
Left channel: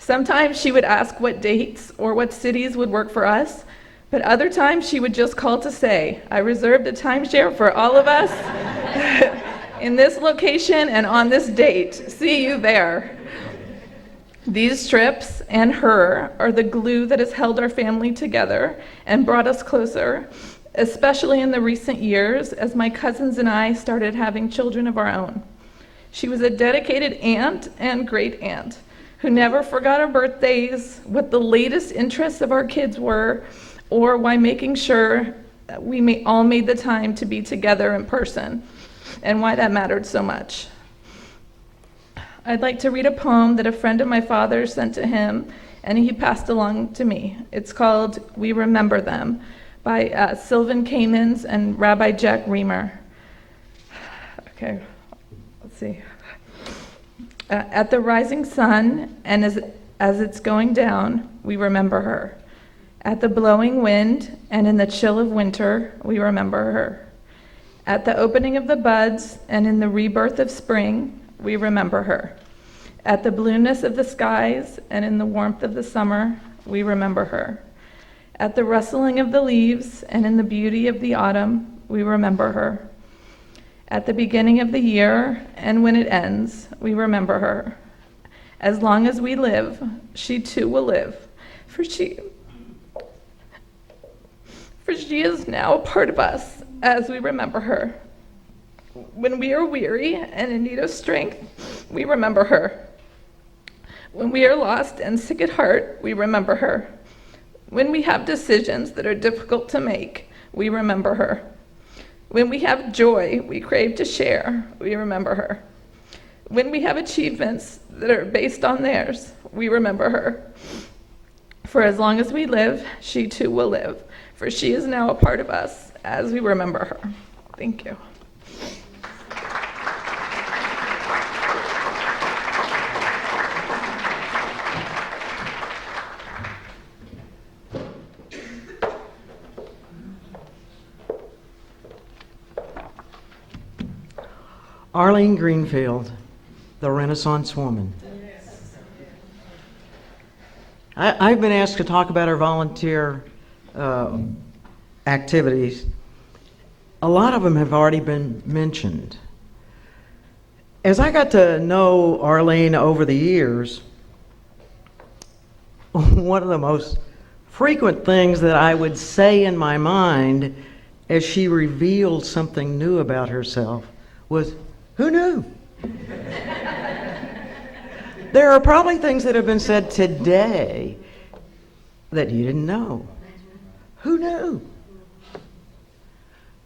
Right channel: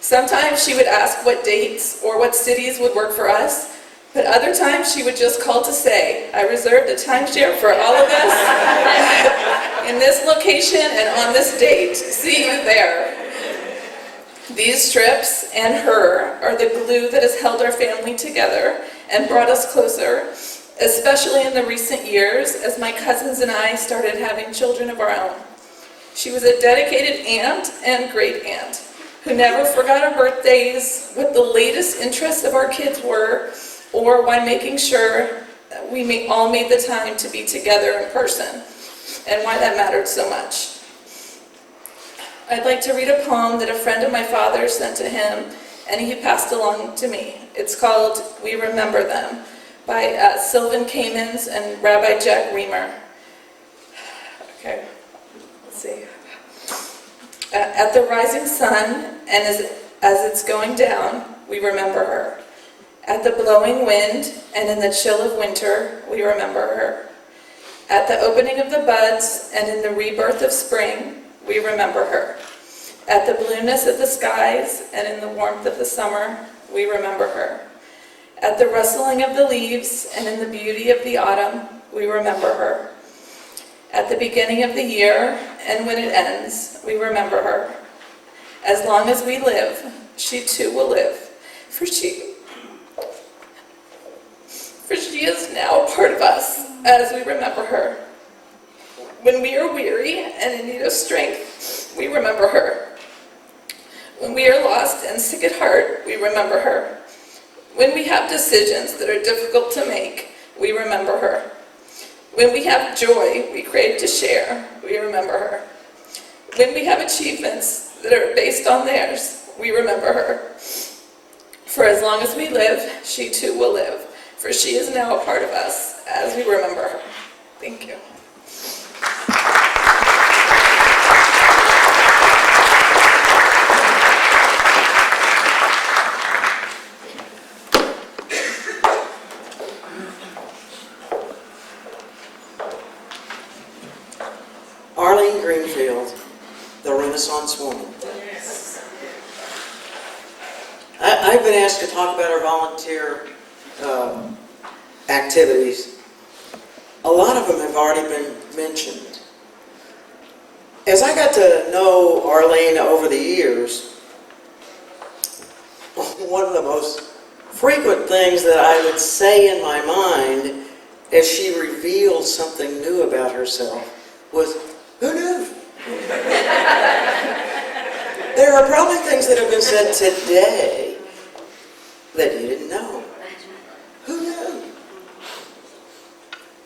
Sometimes she would ask what dates or what cities would work for us, but other times she would just call to say, I reserved a timeshare for all of us in this location and on this date. See you there. These trips and her are the glue that has held our family together and brought us closer, especially in the recent years as my cousins and I started having children of our own. She was a dedicated aunt and great aunt who never forgot our birthdays, what the latest interests of our kids were, or why making sure that we all made the time to be together in person, and why that mattered so much. I'd like to read a poem that a friend of my father sent to him, and he passed along to me. It's called We Remember Them, by Sylvan Kamens and Rabbi Jack Reamer. Okay, let's see. At the rising sun and as it's going down, we remember her. At the blowing wind and in the chill of winter, we remember her. At the opening of the buds and in the rebirth of spring, we remember her. At the blueness of the skies and in the warmth of the summer, we remember her. At the rustling of the leaves and in the beauty of the autumn, we remember her. At the beginning of the year and when it ends, we remember her. As long as we live, she too will live, for she is now a part of us as we remember her. When we are weary and in need of strength, we remember her. When we are lost and sick at heart, we remember her. When we have decisions that are difficult to make, we remember her. When we have joy we crave to share, we remember her. When we have achievements that are based on theirs, we remember her. For as long as we live, she too will live, for she is now a part of us as we remember her. Thank you. Arlene Greenfield, the Renaissance woman. I've been asked to talk about her volunteer activities. A lot of them have already been mentioned. As I got to know Arlene over the years, one of the most frequent things that I would say in my mind as she revealed something new about herself was, "Who knew?" There are probably things that have been said today that you didn't know. Who knew?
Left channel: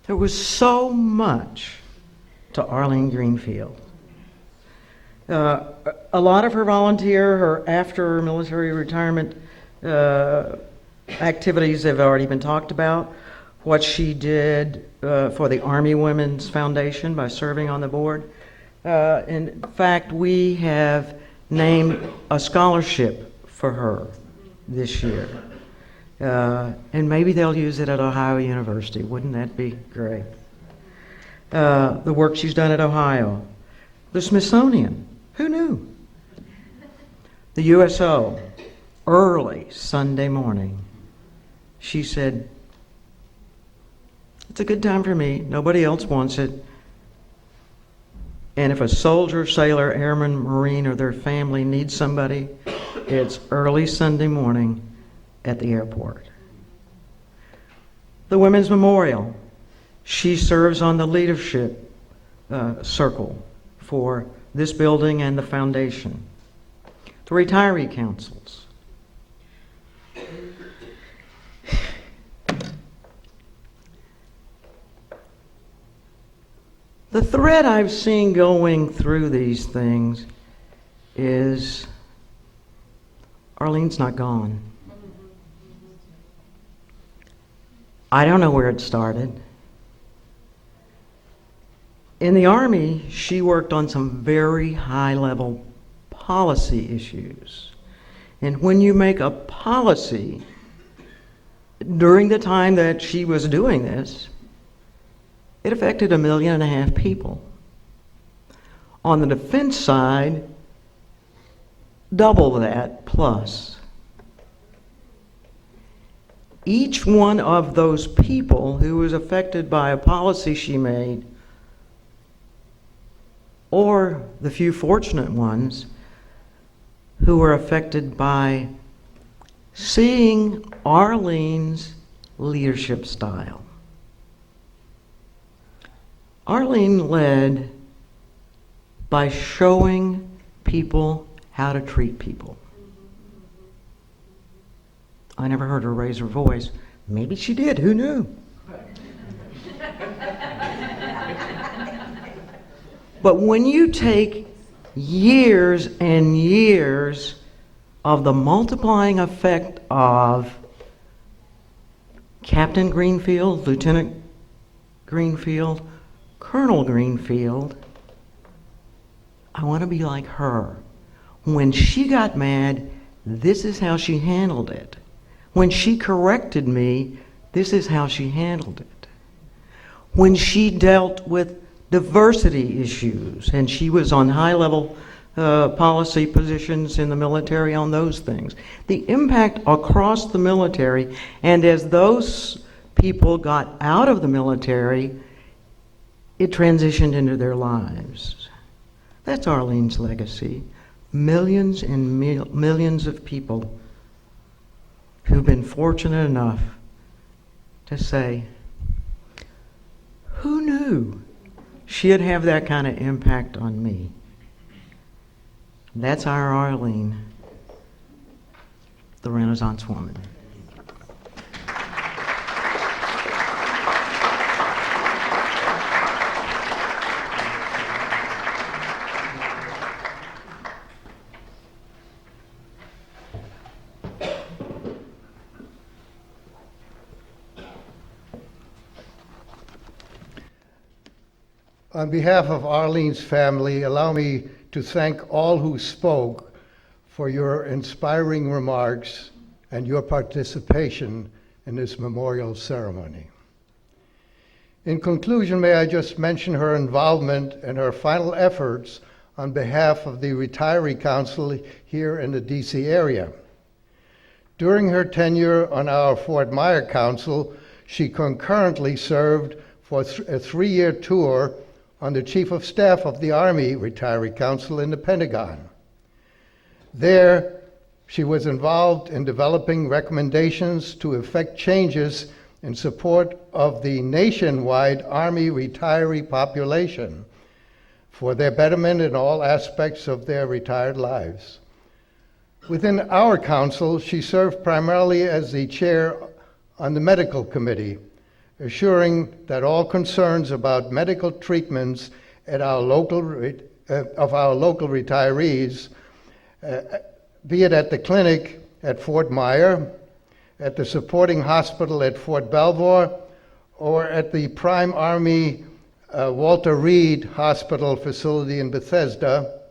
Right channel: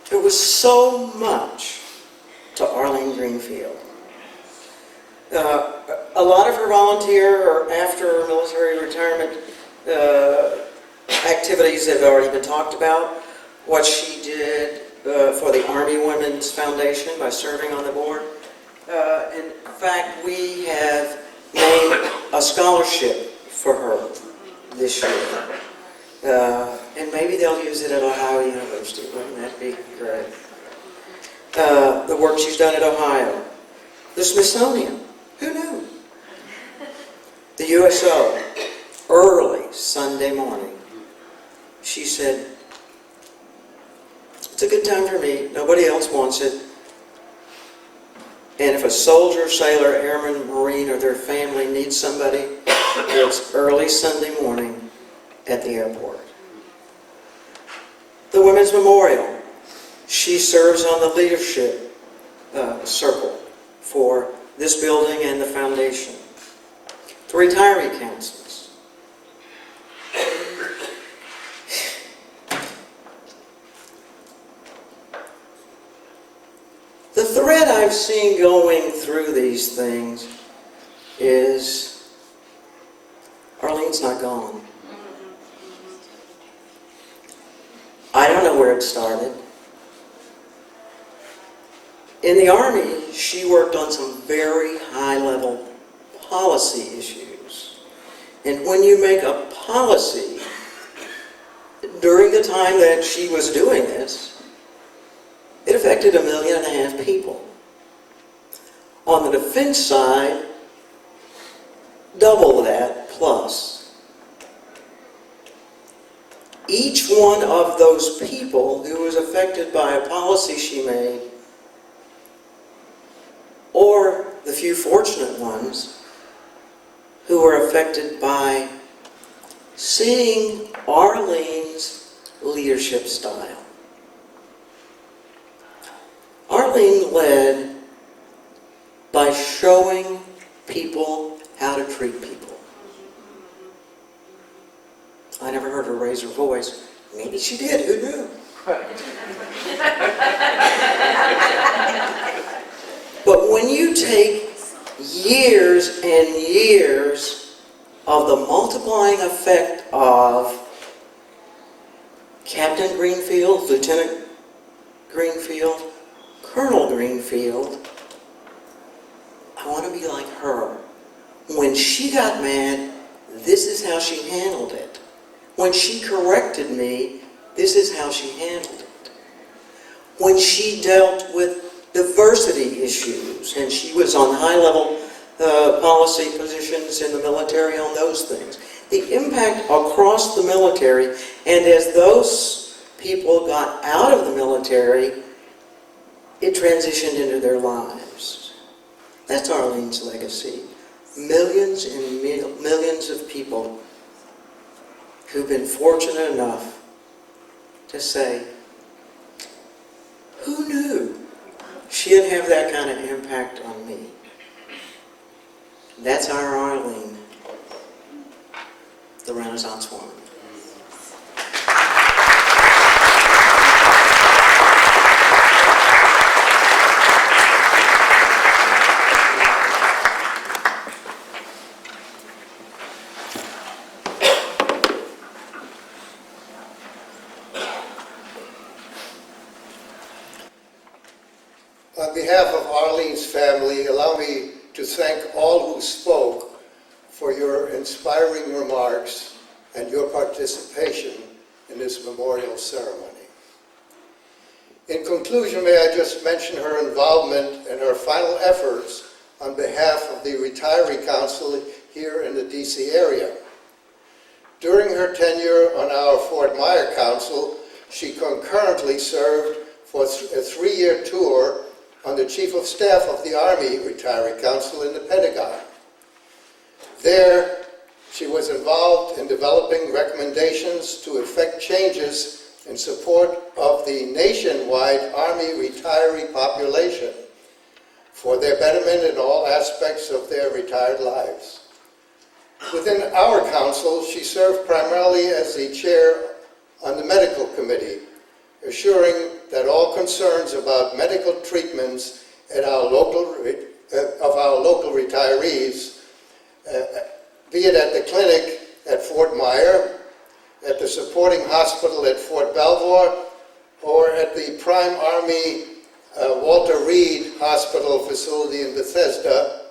There was so much to Arlene Greenfield. A lot of her volunteer or after military retirement activities have already been talked about. What she did for the Army Women's Foundation by serving on the board. In fact, we have named a scholarship for her this year. And maybe they'll use it at Ohio University. Wouldn't that be great? The work she's done at Ohio. The Smithsonian. Who knew? The USO. Early Sunday morning. She said, "It's a good time for me. Nobody else wants it. And if a soldier, sailor, airman, marine, or their family needs somebody, it's early Sunday morning at the airport." The Women's Memorial. She serves on the leadership circle for this building and the foundation. The retiree councils. The thread I've seen going through these things is Arlene's not gone. I don't know where it started. In the Army, she worked on some very high-level policy issues. And when you make a policy, during the time that she was doing this, it affected 1.5 million people. On the defense side, double that plus. Each one of those people who was affected by a policy she made, or the few fortunate ones who were affected by seeing Arlene's leadership style. Arlene led by showing people how to treat people. I never heard her raise her voice. Maybe she did, who knew? But when you take years and years of the multiplying effect of Captain Greenfield, Lieutenant Greenfield, Colonel Greenfield, I want to be like her. When she got mad, this is how she handled it. When she corrected me, this is how she handled it. When she dealt with diversity issues, and she was on high-level policy positions in the military on those things. The impact across the military, and as those people got out of the military, it transitioned into their lives. That's Arlene's legacy. Millions and millions of people who've been fortunate enough to say, who knew she'd have that kind of impact on me? And that's our Arlene, the Renaissance woman. On behalf of Arlene's family, allow me to thank all who spoke for your inspiring remarks and your participation in this memorial ceremony. In conclusion, may I just mention her involvement and her final efforts on behalf of the Retiree Council here in the DC area. During her tenure on our Fort Myer Council, she concurrently served for a 3-year tour under Chief of Staff of the Army Retiree Council in the Pentagon. There, she was involved in developing recommendations to effect changes in support of the nationwide Army retiree population for their betterment in all aspects of their retired lives. Within our council, she served primarily as the chair on the medical committee, assuring that all concerns about medical treatments at our local retirees, be it at the clinic at Fort Myer, at the supporting hospital at Fort Belvoir, or at the Prime Army Walter Reed Hospital facility in Bethesda,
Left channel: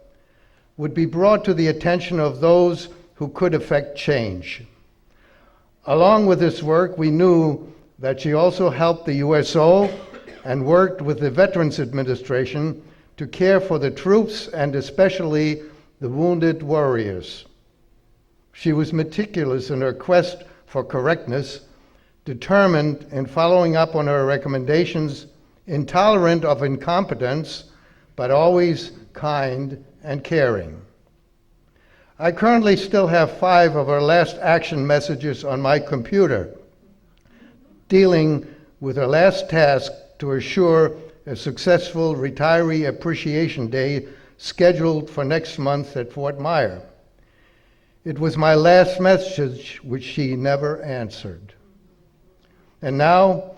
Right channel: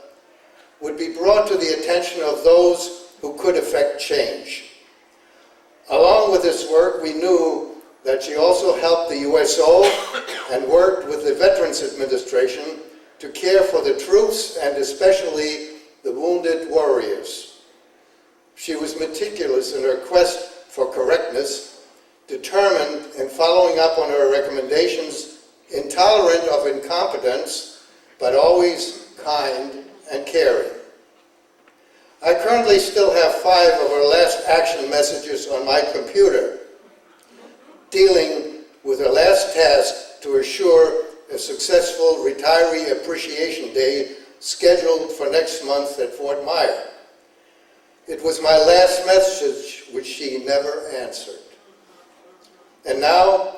would be brought to the attention of those who could effect change. Along with this work, we knew that she also helped the USO and worked with the Veterans Administration to care for the troops and especially the wounded warriors. She was meticulous in her quest for correctness, determined in following up on her recommendations, intolerant of incompetence, but always kind and caring. I currently still have 5 of her last action messages on my computer, dealing with her last task to assure a successful Retiree Appreciation Day scheduled for next month at Fort Myer. It was my last message which she never answered. And now,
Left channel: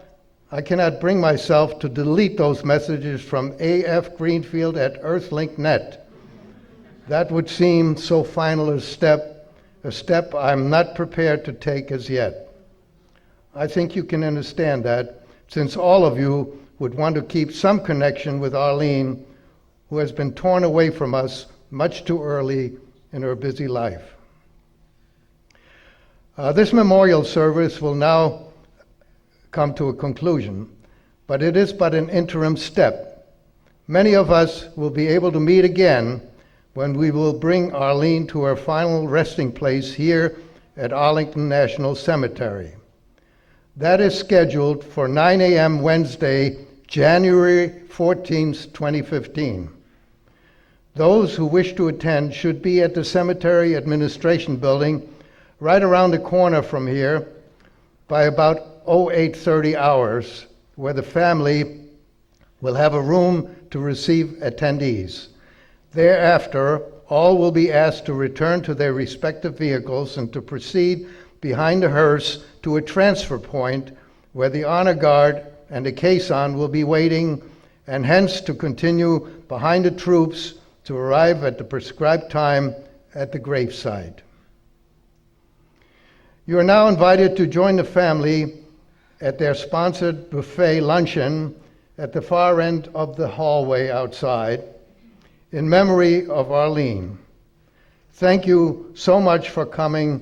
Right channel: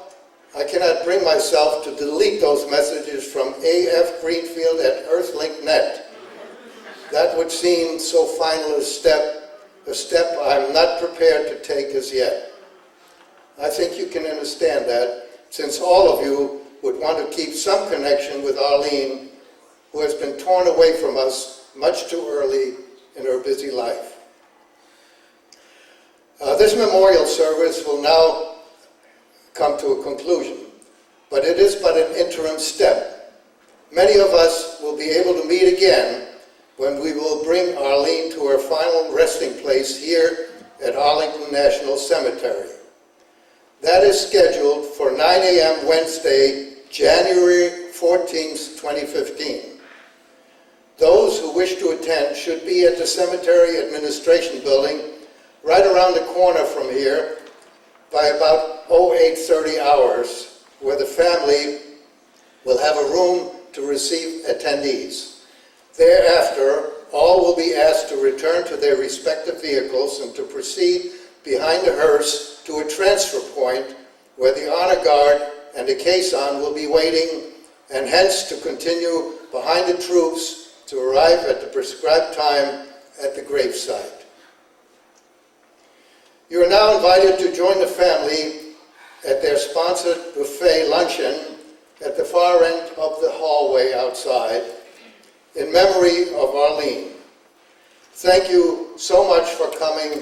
I cannot bring myself to delete those messages from AF Greenfield at Earthlink.net. That would seem so final a step I'm not prepared to take as yet. I think you can understand that, since all of you would want to keep some connection with Arlene, who has been torn away from us much too early in her busy life. This memorial service will now come to a conclusion, but it is but an interim step. Many of us will be able to meet again when we will bring Arlene to her final resting place here at Arlington National Cemetery. That is scheduled for 9 a.m. Wednesday, January 14th, 2015. Those who wish to attend should be at the Cemetery Administration Building right around the corner from here by about 0830 hours, where the family will have a room to receive attendees. Thereafter, all will be asked to return to their respective vehicles and to proceed behind the hearse to a transfer point where the honor guard and a caisson will be waiting, and hence to continue behind the troops to arrive at the prescribed time at the gravesite. You are now invited to join the family at their sponsored buffet luncheon at the far end of the hallway outside. in memory of Arlene. Thank you so much for coming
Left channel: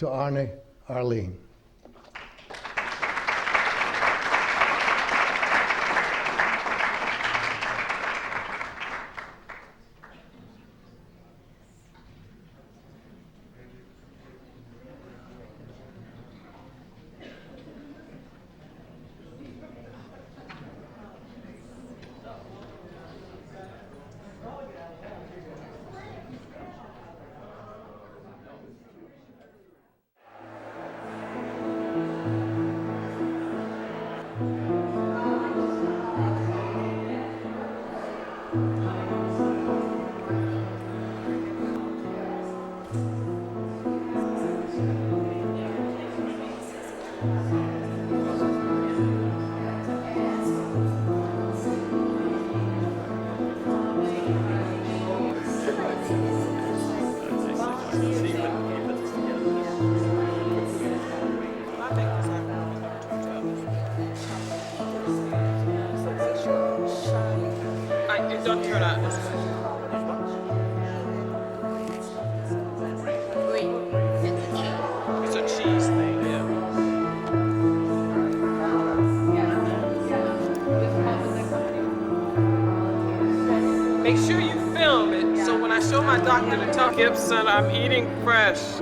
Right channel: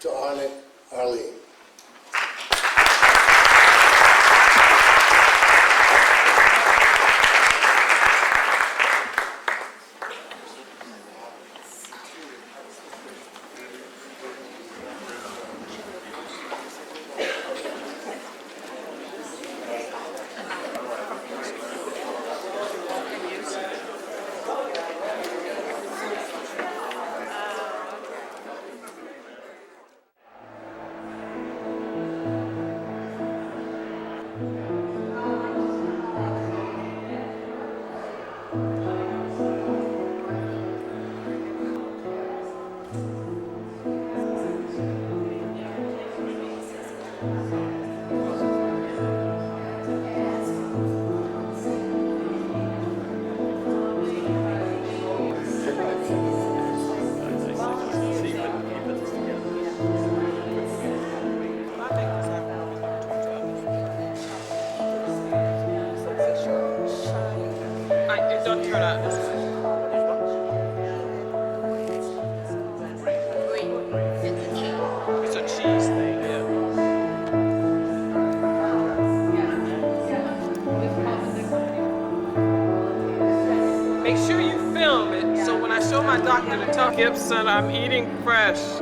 to honor Arlene. It don't turn out this way. It's a cheese thing, yeah. Make sure you film it so when I show my doctor to tell Gibson I'm eating fresh.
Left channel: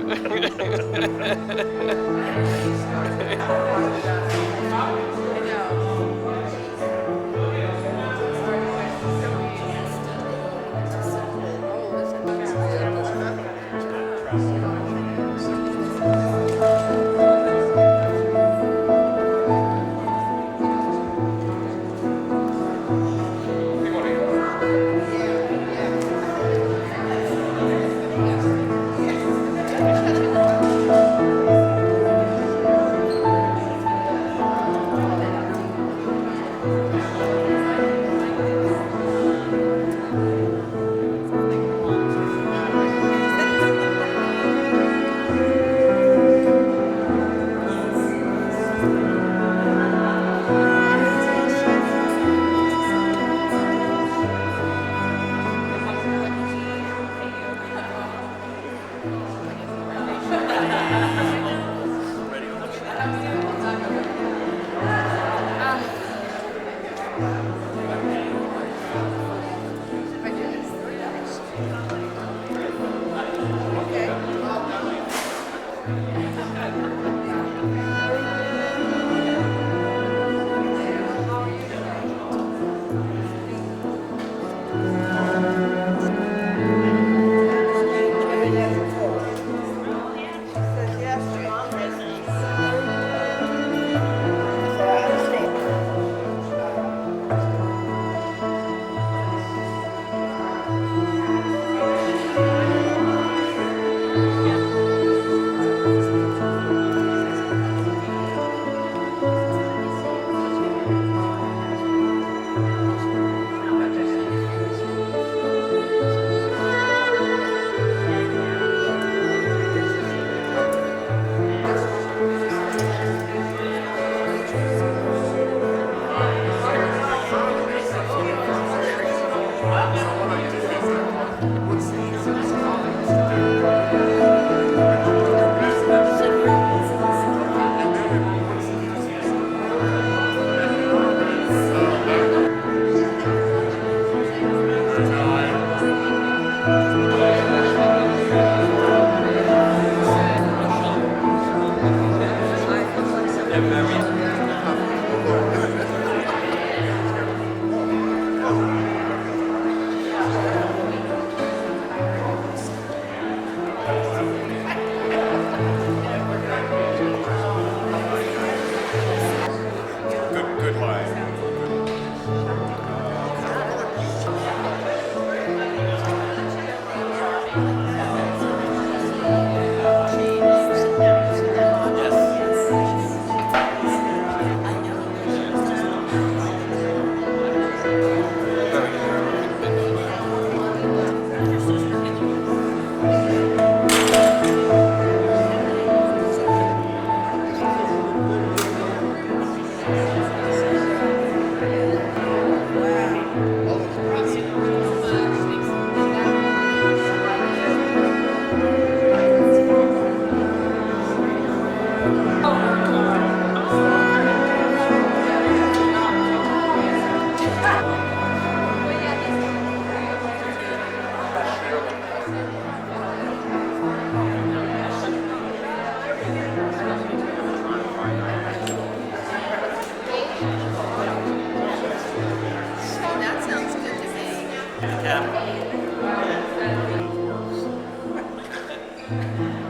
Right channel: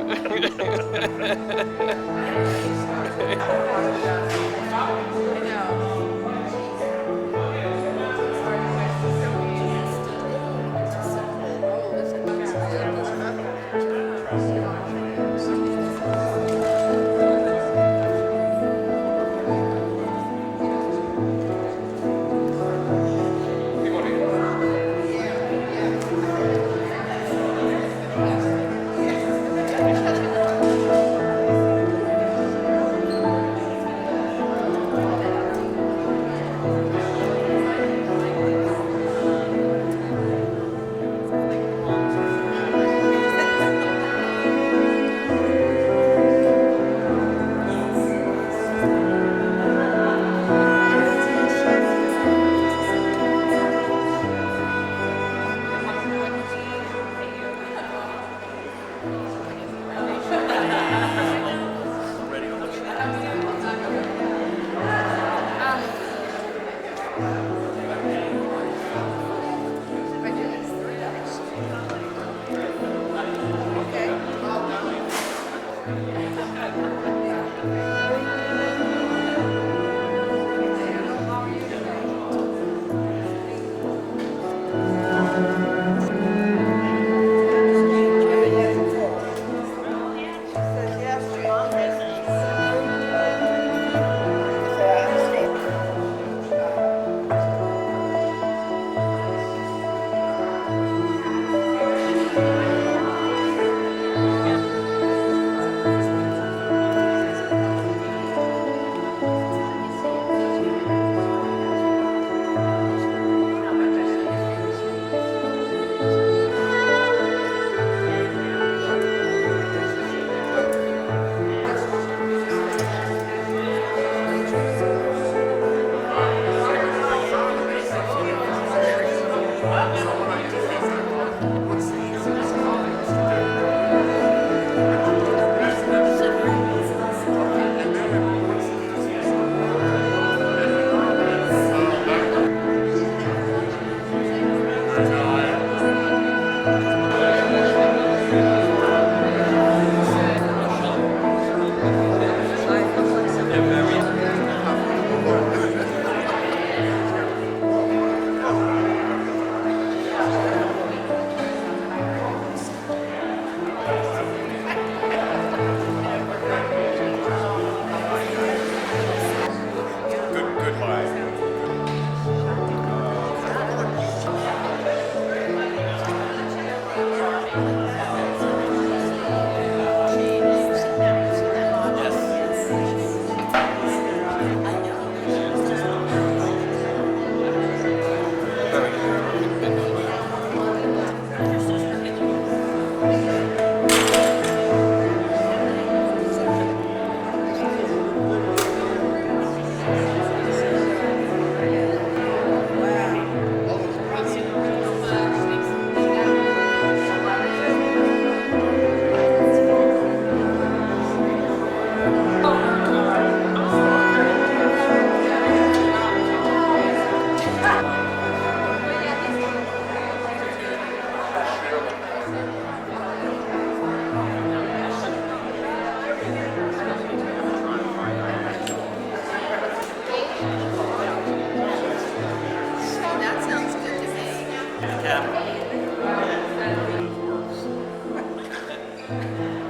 Thank you.